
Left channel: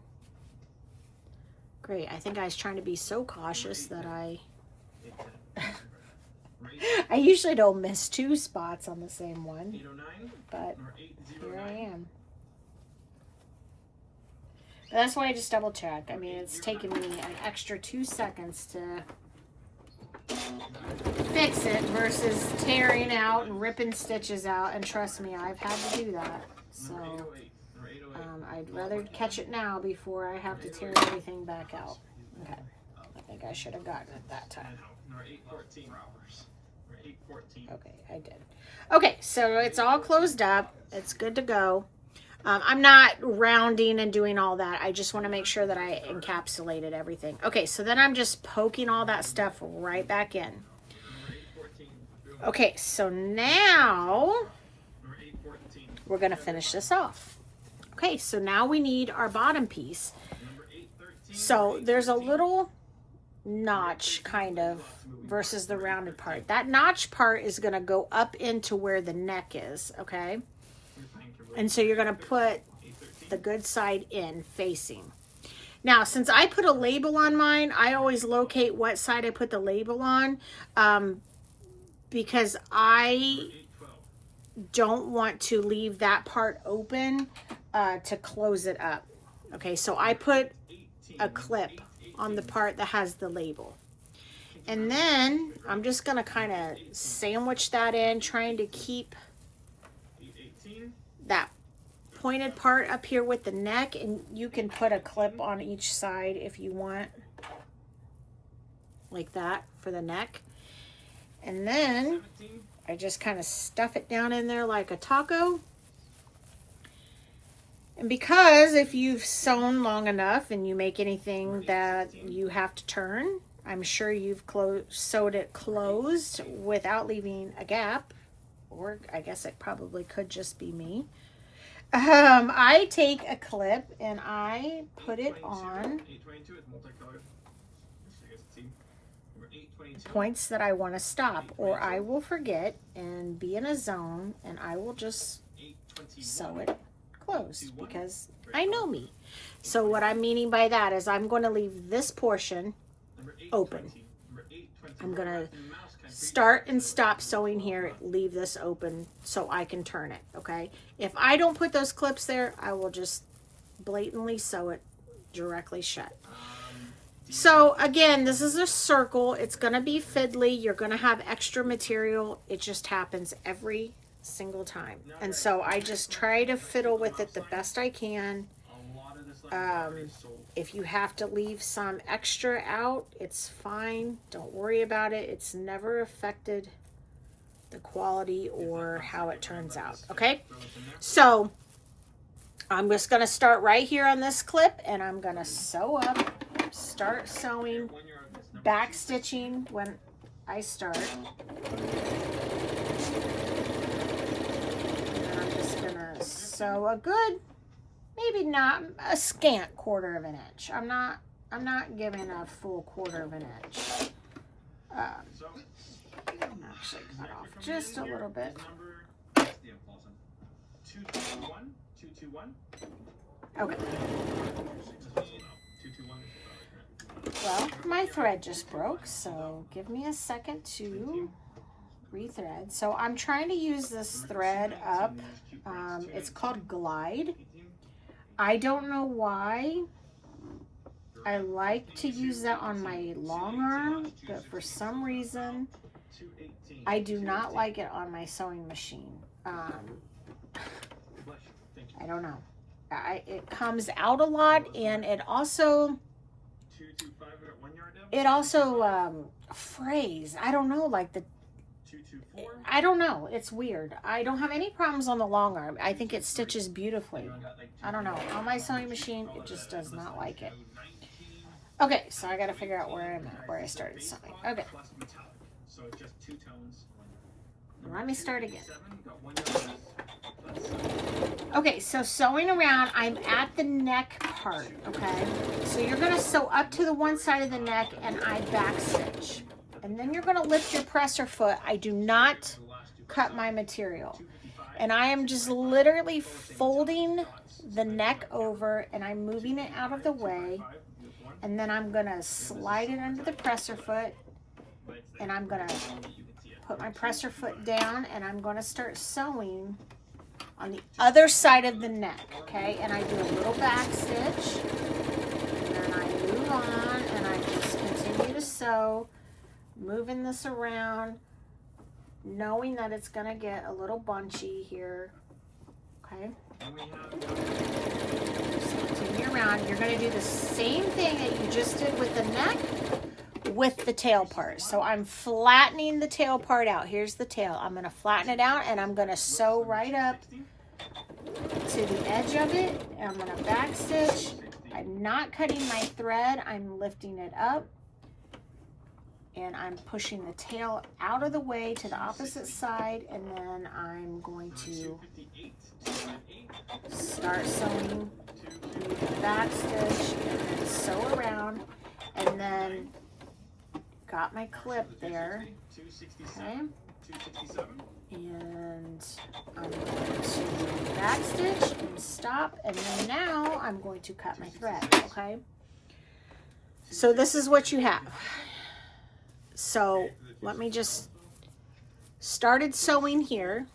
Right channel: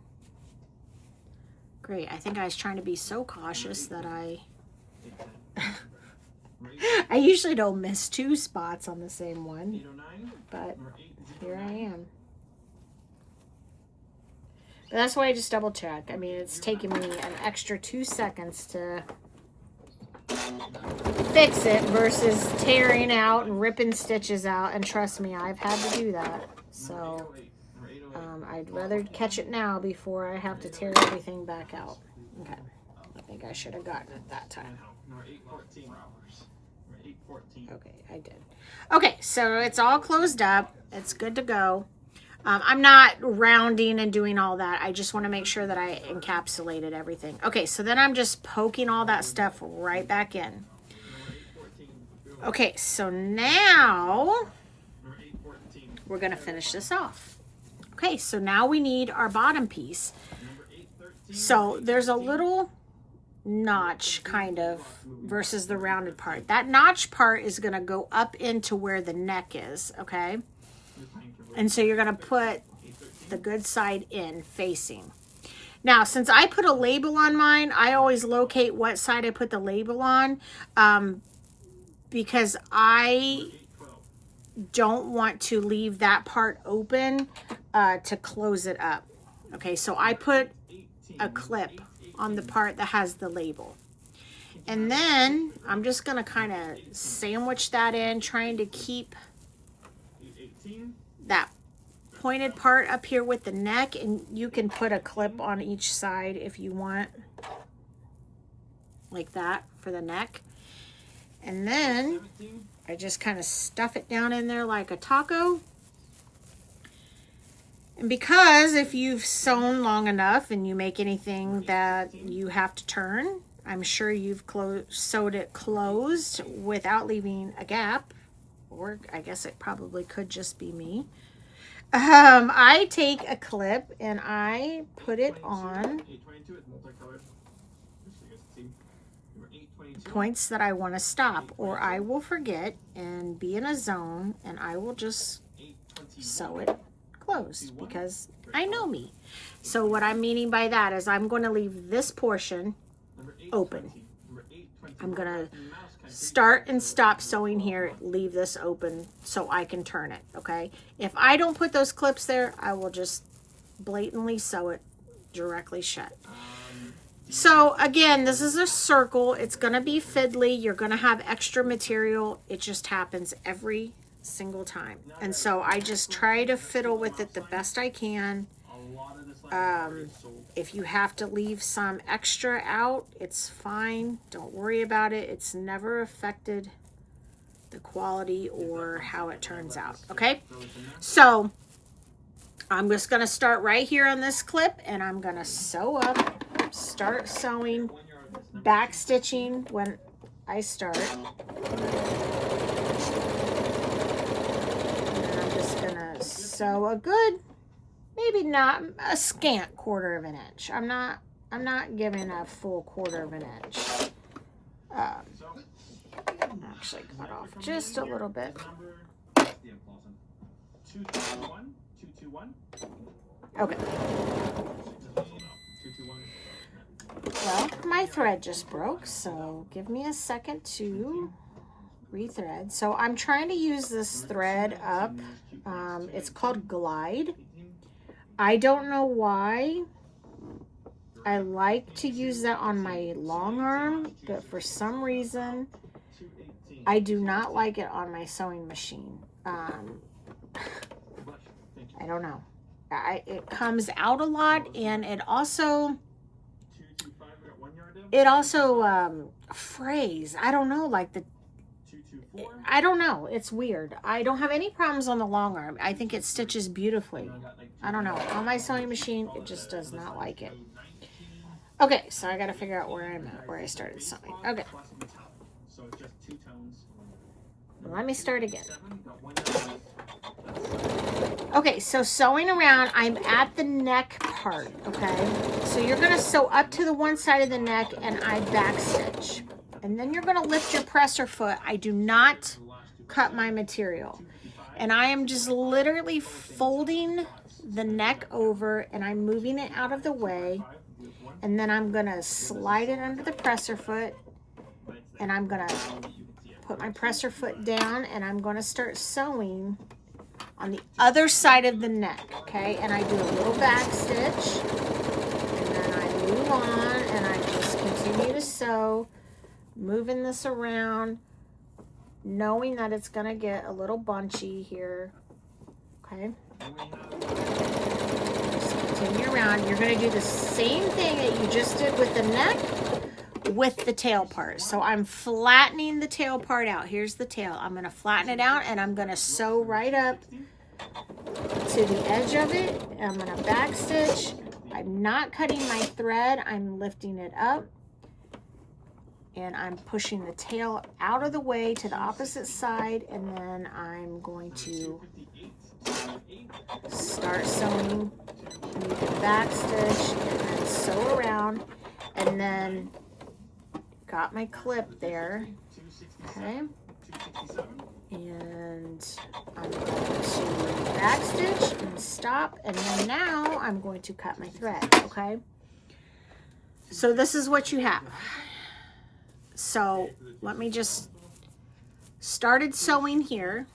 great. I think I was trying to be so cautious that I usually don't miss 2 spots on the same one, but here I am. But that's why I just double check. I mean, it's taken me an extra 2 seconds to fix it versus tearing out and ripping stitches out. And trust me, I've had to do that. So I'd rather catch it now before I have to tear everything back out. Okay, I think I should have gotten it that time. Okay, I did. Okay, so it's all closed up. It's good to go. I'm not rounding and doing all that. I just want to make sure that I encapsulated everything. Okay, so then I'm just poking all that stuff right back in. Okay, so now we're going to finish this off. Okay, so now we need our bottom piece. So there's a little notch kind of versus the rounded part. That notch part is going to go up into where the neck is, okay? And so you're going to put the good side in facing. Now, since I put a label on mine, I always locate what side I put the label on, because I don't want to leave that part open to close it up. Okay, so I put a clip on the part that has the label. And then I'm just going to kind of sandwich that in, trying to keep that pointed part up here with the neck, and you can put a clip on each side if you want, like that for the neck. And then I just kind of stuff it down in there like a taco. And because if you've sewn long enough and you make anything that you have to turn, I'm sure you've sewed it closed without leaving a gap, or I guess it probably could just be me. I take a clip and I put it on points that I want to stop, or I will forget and be in a zone and I will just sew it closed because I know me. So what I'm meaning by that is I'm going to leave this portion open. I'm going to start and stop sewing here, leave this open so I can turn it, okay? If I don't put those clips there, I will just blatantly sew it directly shut. So again, this is a circle. It's going to be fiddly. You're going to have extra material. It just happens every single time. And so I just try to fiddle with it the best I can. If you have to leave some extra out, it's fine. Don't worry about it. It's never affected the quality or how it turns out. Okay, so I'm just going to start right here on this clip and I'm going to sew up, start sewing, back stitching when I start. And I'm just going to sew a good, maybe not a scant 1/4 of an inch. I'm not giving a full 1/4 of an inch. Actually cut off just a little bit. Okay. Well, my thread just broke, so give me a second to rethread. So I'm trying to use this thread up. It's called Glide. I don't know why I like to use that on my long arm, but for some reason I do not like it on my sewing machine. I don't know. It comes out a lot, and it also frays. I don't know, like I don't know. It's weird. I don't have any problems on the long arm. I think it stitches beautifully. I don't know. On my sewing machine, it just does not like it. Okay, so I got to figure out where I'm at, where I started sewing. Okay. Let me start again. Okay, so sewing around, I'm at the neck part, okay? So you're going to sew up to the one side of the neck and I back stitch. And then you're going to lift your presser foot. I do not cut my material. And I am just literally folding the neck over and I'm moving it out of the way. And then I'm going to slide it under the presser foot. And I'm going to put my presser foot down and I'm going to start sewing on the other side of the neck, okay? And I do a little back stitch. And then I move on and I just continue to sew, moving this around, knowing that it's going to get a little bunchy here, okay? Just continue around. You're going to do the same thing that you just did with the neck with the tail part. So I'm flattening the tail part out. Here's the tail. I'm going to flatten it out and I'm going to sew right up to the edge of it. I'm going to back stitch. I'm not cutting my thread. I'm lifting it up. And I'm pushing the tail out of the way to the opposite side, and then I'm going to start sewing. And you can back stitch and then sew around, and then got my clip there, okay? And I'm going to back stitch and stop, and then now I'm going to cut my thread, okay? So this is what you have. So let me just started sewing here,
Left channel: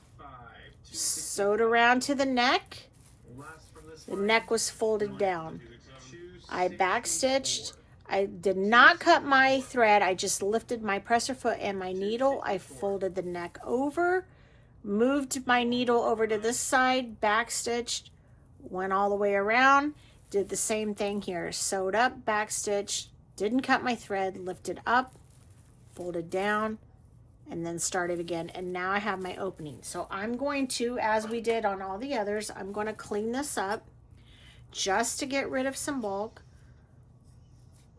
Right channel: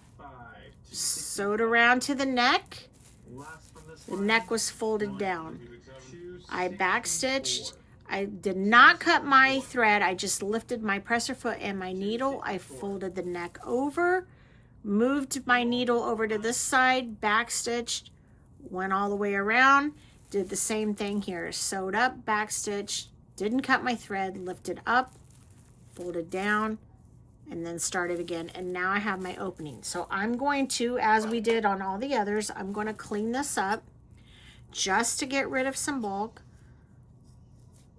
sewed around to the neck. The neck was folded down. I backstitched. I did not cut my thread. I just lifted my presser foot and my needle. I folded the neck over, moved my needle over to this side, backstitched, went all the way around, did the same thing here. Sewed up, backstitched, didn't cut my thread, lifted up, folded down, and then started again. And now I have my opening. So I'm going to, as we did on all the others, I'm going to clean this up just to get rid of some bulk.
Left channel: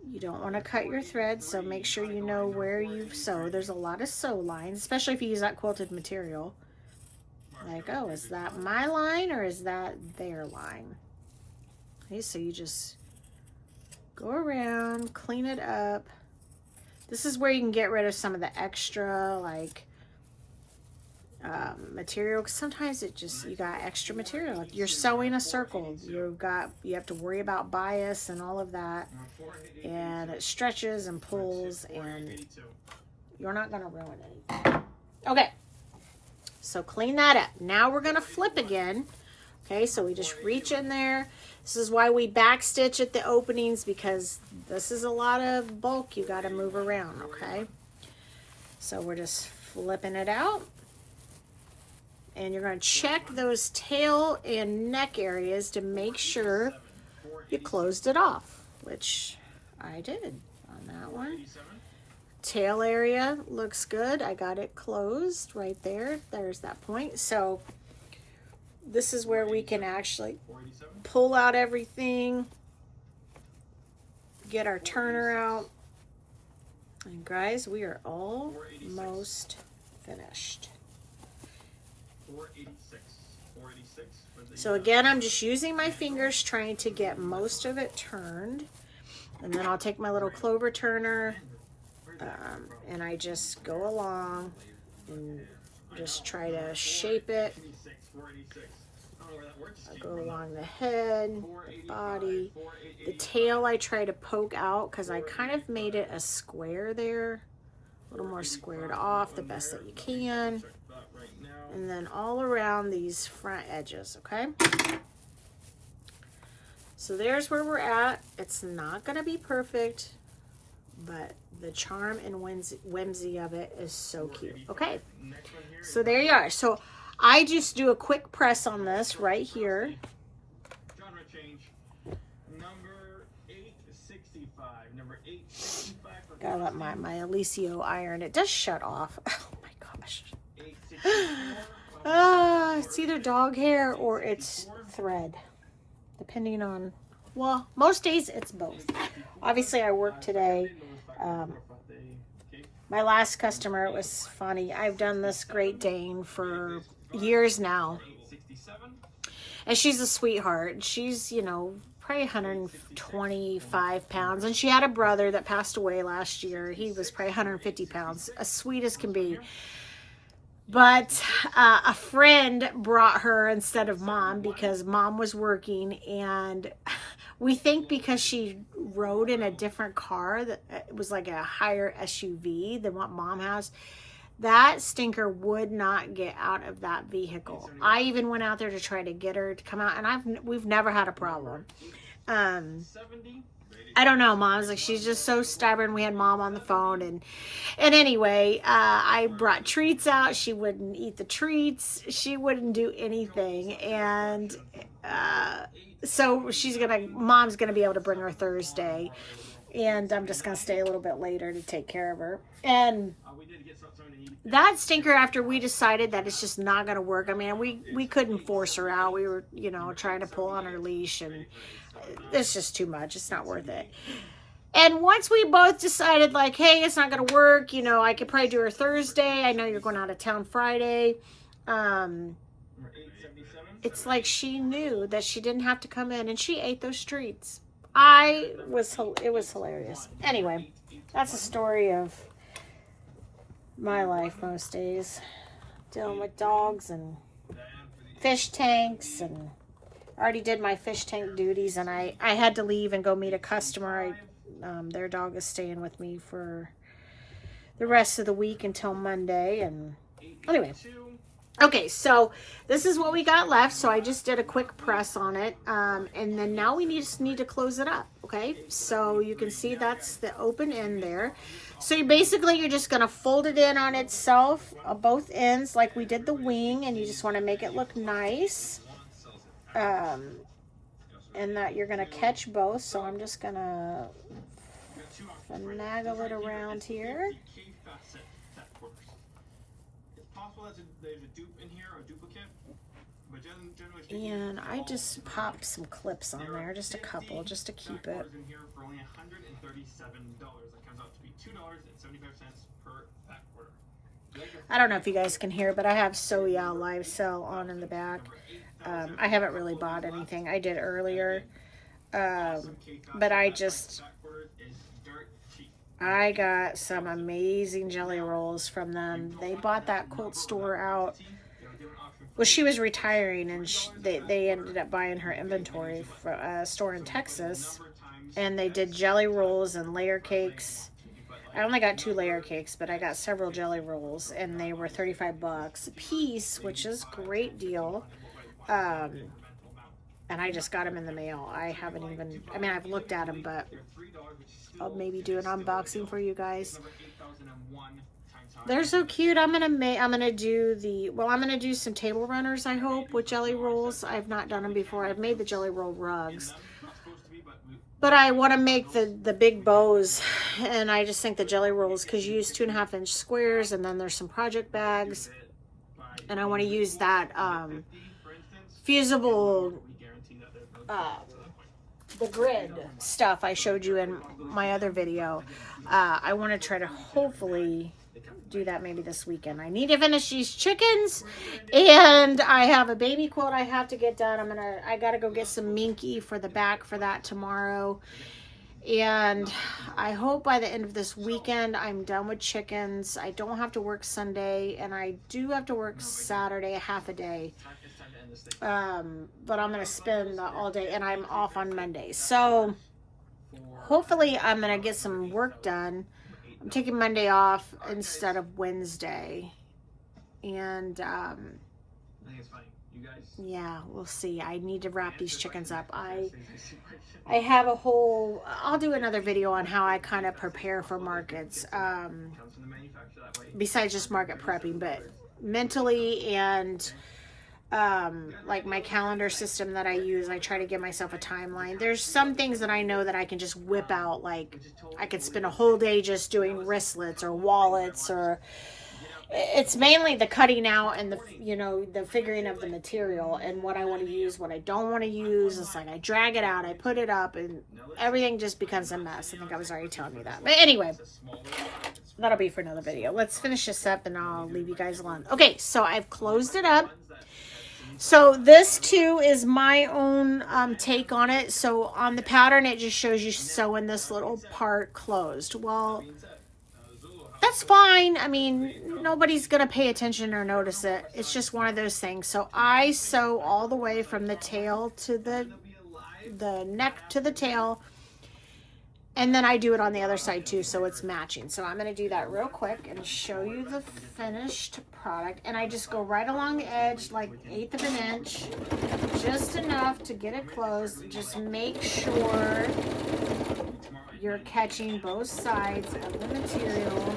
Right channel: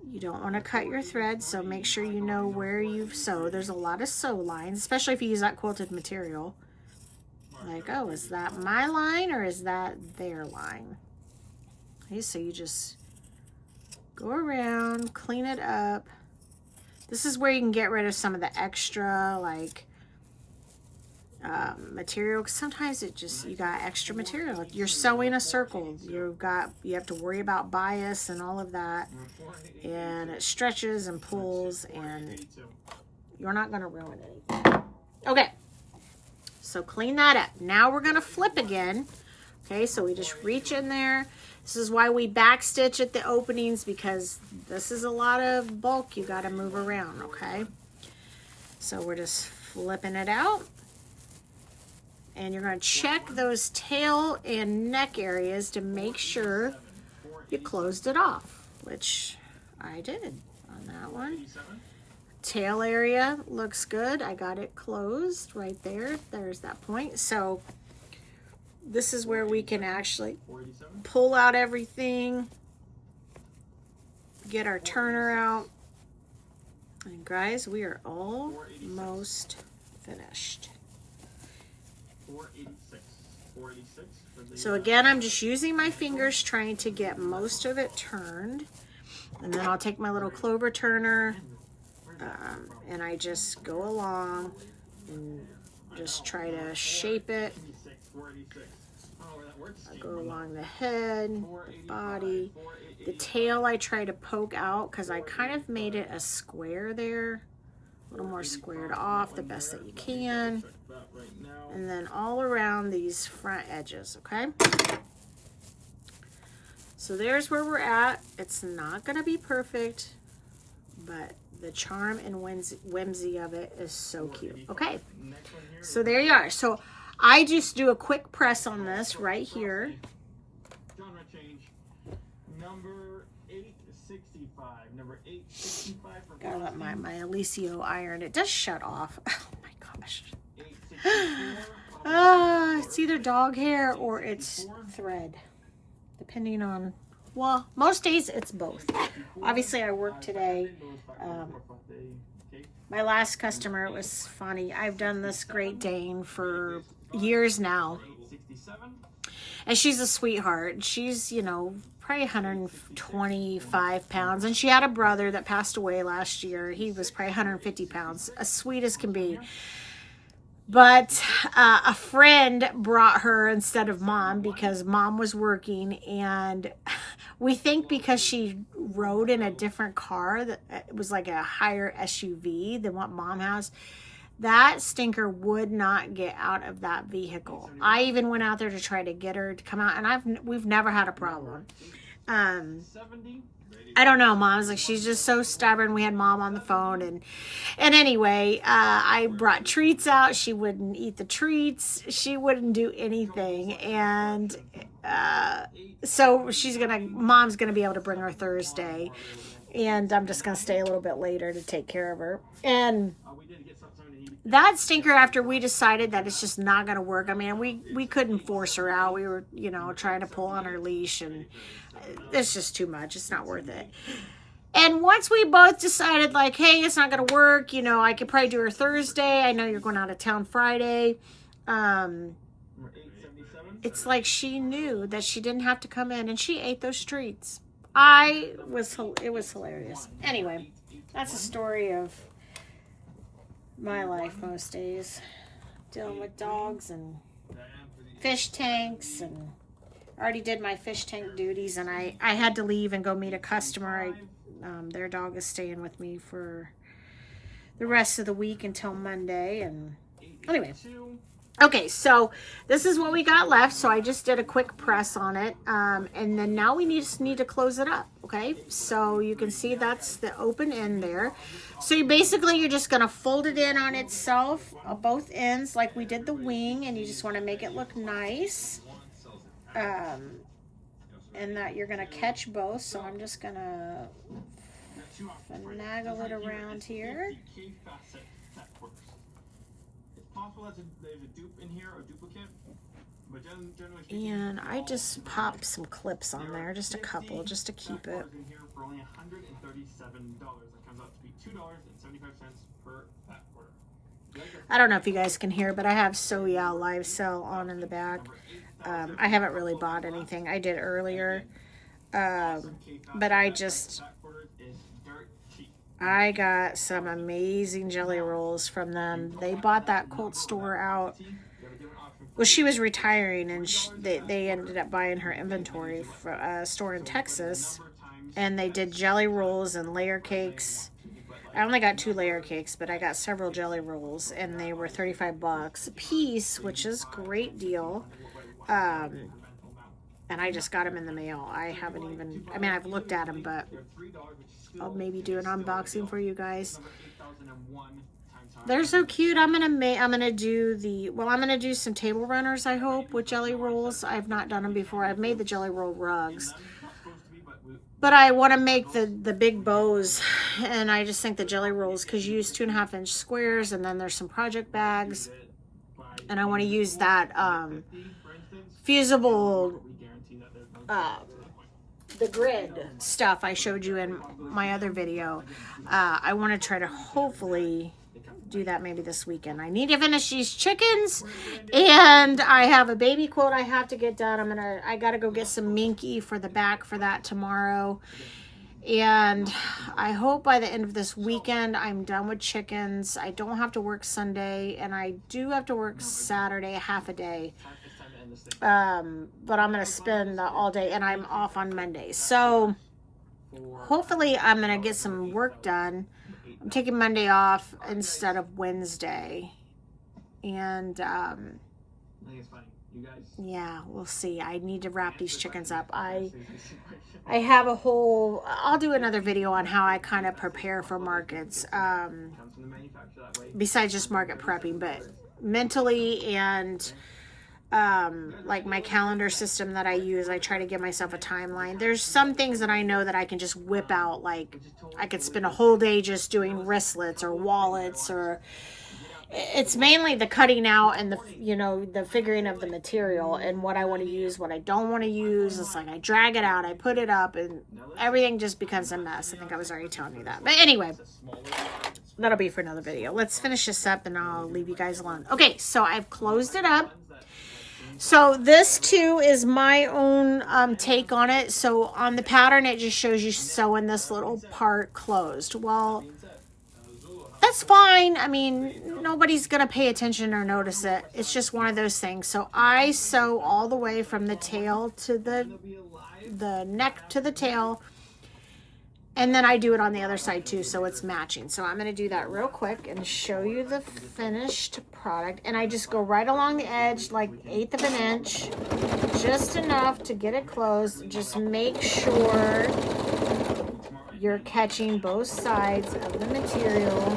You don't want to cut your thread, so make sure you know where you've sewed. There's a lot of sew lines, especially if you use that quilted material. Like, oh, is that my line or is that their line? Okay, so you just go around, clean it up. This is where you can get rid of some of the extra, like, material. 'Cause sometimes it just, you got extra material. You're sewing a circle. You have to worry about bias and all of that. And it stretches and pulls, and you're not going to ruin anything. Okay. So clean that up. Now we're going to flip again. Okay, so we just reach in there. This is why we backstitch at the openings, because this is a lot of bulk you got to move around, okay? So we're just flipping it out. And you're going to check those tail and neck areas to make sure you closed it off, which I did on that one. Tail area looks good. I got it closed right there. There's that point. So this is where we can actually pull out everything, get our turner out. And guys, we are almost finished. So again, I'm just using my fingers trying to get most of it turned. And then I'll take my little clover turner and I just go along and just try to shape it. I go along the head, the body. The tail I try to poke out because I kind of made it a square there. A little more squared off the best that you can. And then all around these front edges, okay? So there's where we're at. It's not going to be perfect, but the charm and whimsy of it is so cute. Okay, so there you are. So I just do a quick press on this right here. Genre change. Number 865. Number 865 for Gotta let my Alicio iron. It does shut off. Oh my gosh. It's either dog hair or it's thread, depending on, well, most days it's both. Obviously I work today. My last customer, it was funny. I've done this Great Dane for years now, and she's a sweetheart. She's, you know, probably 125 pounds, and she had a brother that passed away last year. He was probably 150 pounds, as sweet as can be. But a friend brought her instead of mom because mom was working, and we think because she rode in a different car that it was like a higher SUV than what mom has, that stinker would not get out of that vehicle. I even went out there to try to get her to come out, and we've never had a problem. I don't know, Mom's like, she's just so stubborn. We had mom on the phone, and anyway, I brought treats out. She wouldn't eat the treats. She wouldn't do anything, and so mom's gonna be able to bring her Thursday, and I'm just gonna stay a little bit later to take care of her. And that stinker, after we decided that it's just not gonna work, I mean, we couldn't force her out. We were, you know, trying to pull on her leash, and it's just too much. It's not worth it. And once we both decided, like, hey, it's not going to work, you know, I could probably do her Thursday. I know you're going out of town Friday. It's like she knew that she didn't have to come in, and she ate those treats. It was hilarious. Anyway, that's a story of my life most days. Dealing with dogs and fish tanks, and I already did my fish tank duties, and I had to leave and go meet a customer. Their dog is staying with me for the rest of the week until Monday. And anyway, okay, so this is what we got left. So I just did a quick press on it, and then now we just need to close it up. Okay, so you can see that's the open end there. So you're just gonna fold it in on itself, both ends, like we did the wing, and you just want to make it look nice. And that you're gonna catch both. So I'm just gonna finagle it around here. And I just popped some clips on there, just a couple, just to keep it. I don't know if you guys can hear, but I have So Yeah Live Sell on in the back. I haven't really bought anything. I did earlier, but I got some amazing jelly rolls from them. They bought that Colt store out. Well, she was retiring, and they ended up buying her inventory from a store in Texas, and they did jelly rolls and layer cakes. I only got 2 layer cakes, but I got several jelly rolls, and they were $35 a piece, which is a great deal. And I just got them in the mail. I've looked at them, but I'll maybe do an unboxing for you guys. They're so cute. I'm gonna do some table runners, I hope, with jelly rolls. I've not done them before. I've made the jelly roll rugs, but I want to make the big bows, and I just think the jelly rolls, because you use 2.5-inch squares, and then there's some project bags, and I want to use that fusible the grid stuff I showed you in my other video. I want to try to hopefully do that maybe this weekend. I need to finish these chickens, and I have a baby quote I have to get done. I gotta go get some Minky for the back for that tomorrow, and I hope by the end of this weekend I'm done with chickens. I don't have to work Sunday, and I do have to work Saturday, half a day, but I'm gonna spend all day, and I'm off on Monday, so hopefully I'm gonna get some work done. I'm taking Monday off instead of Wednesday, and yeah, we'll see. I need to wrap these chickens up. I have I'll do another video on how I kind of prepare for markets, besides just market prepping, but mentally, and like my calendar system that I use, I try to give myself a timeline. There's some things that I know that I can just whip out, like I could spend a whole day just doing wristlets or wallets, or it's mainly the cutting out and the figuring of the material and what I want to use, what I don't want to use. It's like I drag it out, I put it up, and everything just becomes a mess. I think I was already telling you that, but anyway, that'll be for another video. Let's finish this up and I'll leave you guys alone. Okay, so I've closed it up. So this too is my own take on it. So on the pattern, it just shows you sewing this little part closed. Well, that's fine. I mean, nobody's going to pay attention or notice it. It's just one of those things. So I sew all the way from the tail to the neck to the tail. And then I do it on the other side too, so it's matching. So I'm going to do that real quick and show you the finished product. And I just go right along the edge, like 1/8 of an inch, just enough to get it closed. Just make sure you're catching both sides of the material.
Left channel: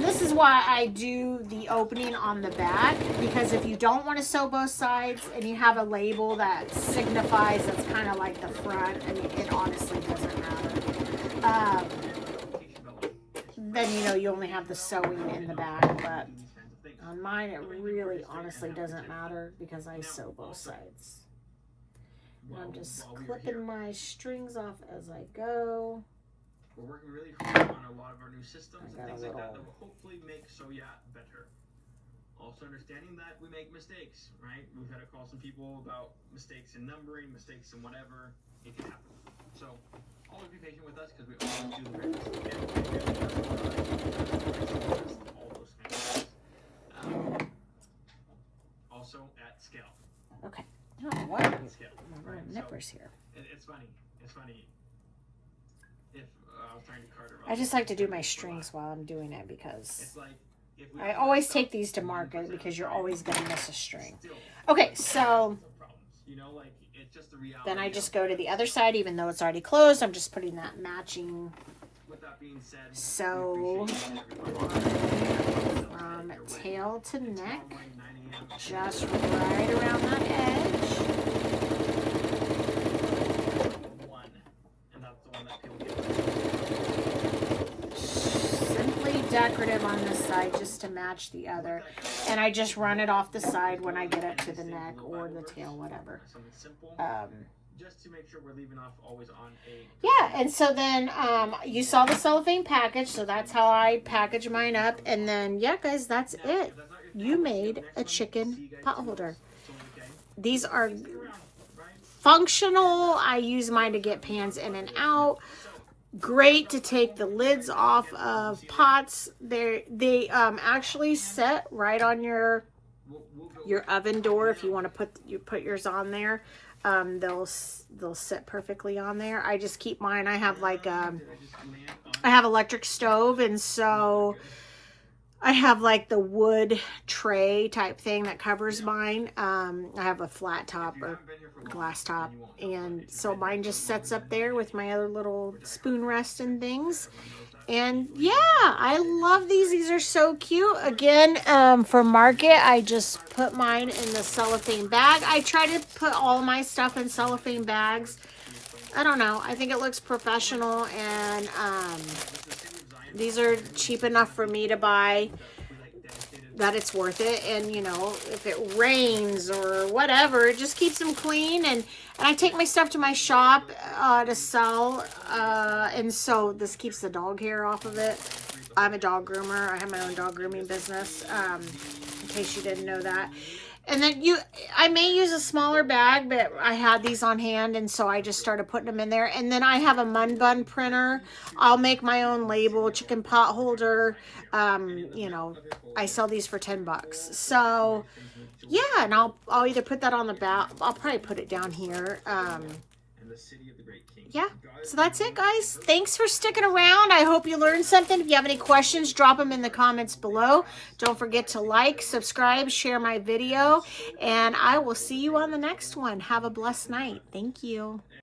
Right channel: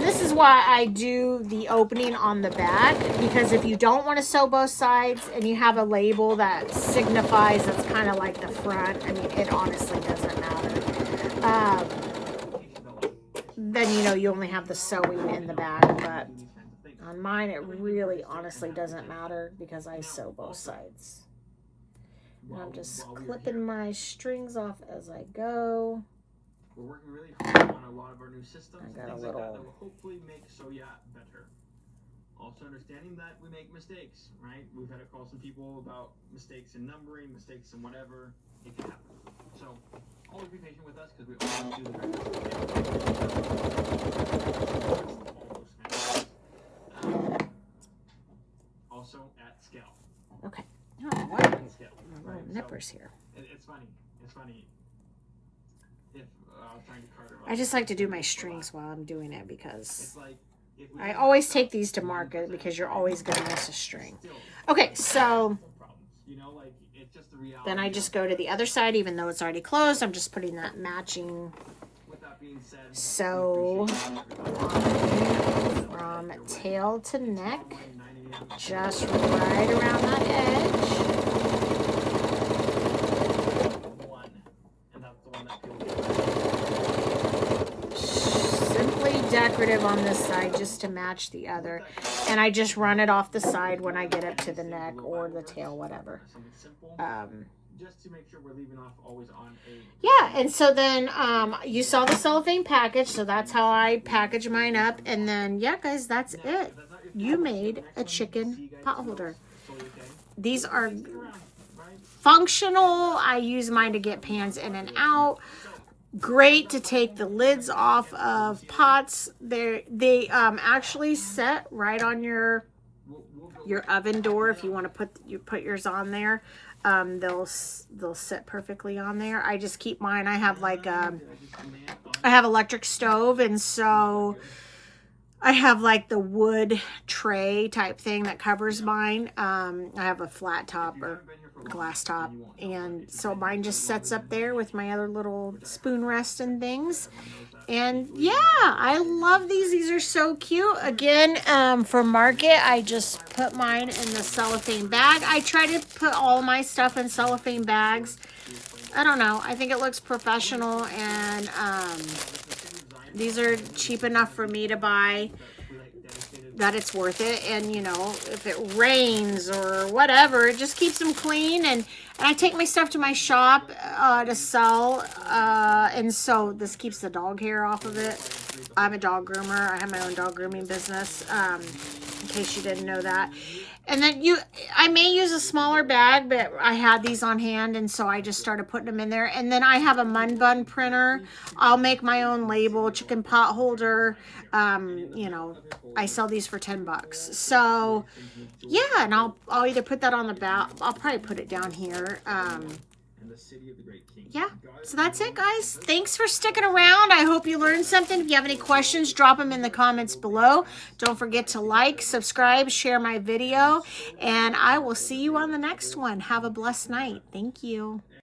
This is why I do the opening on the back, because if you don't want to sew both sides and you have a label that signifies that's kind of like the front, I mean, it honestly doesn't matter. Then, you only have the sewing in the back, but on mine, it really honestly doesn't matter because I sew both sides. And I'm just clipping my strings off as I go. We're working really hard on a lot of our new systems and things like that will hopefully make So Yeah better. Also understanding that we make mistakes, right? We've had to call some people about mistakes in numbering, mistakes in whatever. It can happen. So always be patient with us because we always do the very best we can. All those things. Also at scale. Okay. Oh, what? Scale, My right? nipple zippers here. It's funny. It's funny. If I was trying to cart around, I just like to do my strings while I'm doing it because it's like if we I always take these to market because you're always going to miss a string. Okay, so you know, like it's just the reality. then I just go to the other side, even though it's already closed. I'm just putting that matching With that being said, sew from tail to neck, just right around that edge. one, and that's the one that people get. Simply decorative on this side just to match the other. And I just run it off the side when I get up to the neck or the tail, whatever. Something simple, just to make sure we're leaving off always on a. Yeah, and so then you saw the cellophane package, so that's how I package mine up. And then, yeah, guys, that's it. You made a chicken pot holder. These are functional. I use mine to get pans in and out. Great to take the lids off of pots. They actually set right on your oven door if you want to put yours on there. They'll sit perfectly on there. I just keep mine. I have like I have electric stove, and so I have like the wood tray type thing that covers mine. I have a flat top or glass top, and so mine just sets up there with my other little spoon rest and things. And yeah, I love these. These are so cute. Again, for market, I just put mine in the cellophane bag. I try to put all my stuff in cellophane bags. I don't know. I think it looks professional, and these are cheap enough for me to buy that it's worth it. And, you know, if it rains or whatever, it just keeps them clean. And I take my stuff to my shop to sell. And so this keeps the dog hair off of it. I'm a dog groomer. I have my own dog grooming business, in case you didn't know that. And then I may use a smaller bag, but I had these on hand, and so I just started putting them in there. And then I have a Mun Bun printer. I'll make my own label, chicken pot holder. You know, I sell these for $10. So yeah, and I'll either put that on the back. I'll probably put it down here. Yeah, so that's it, guys. Thanks for sticking around. I hope you learned something. If you have any questions, drop them in the comments below. Don't forget to like, subscribe, share my video, and I will see you on the next one. Have a blessed night. Thank you.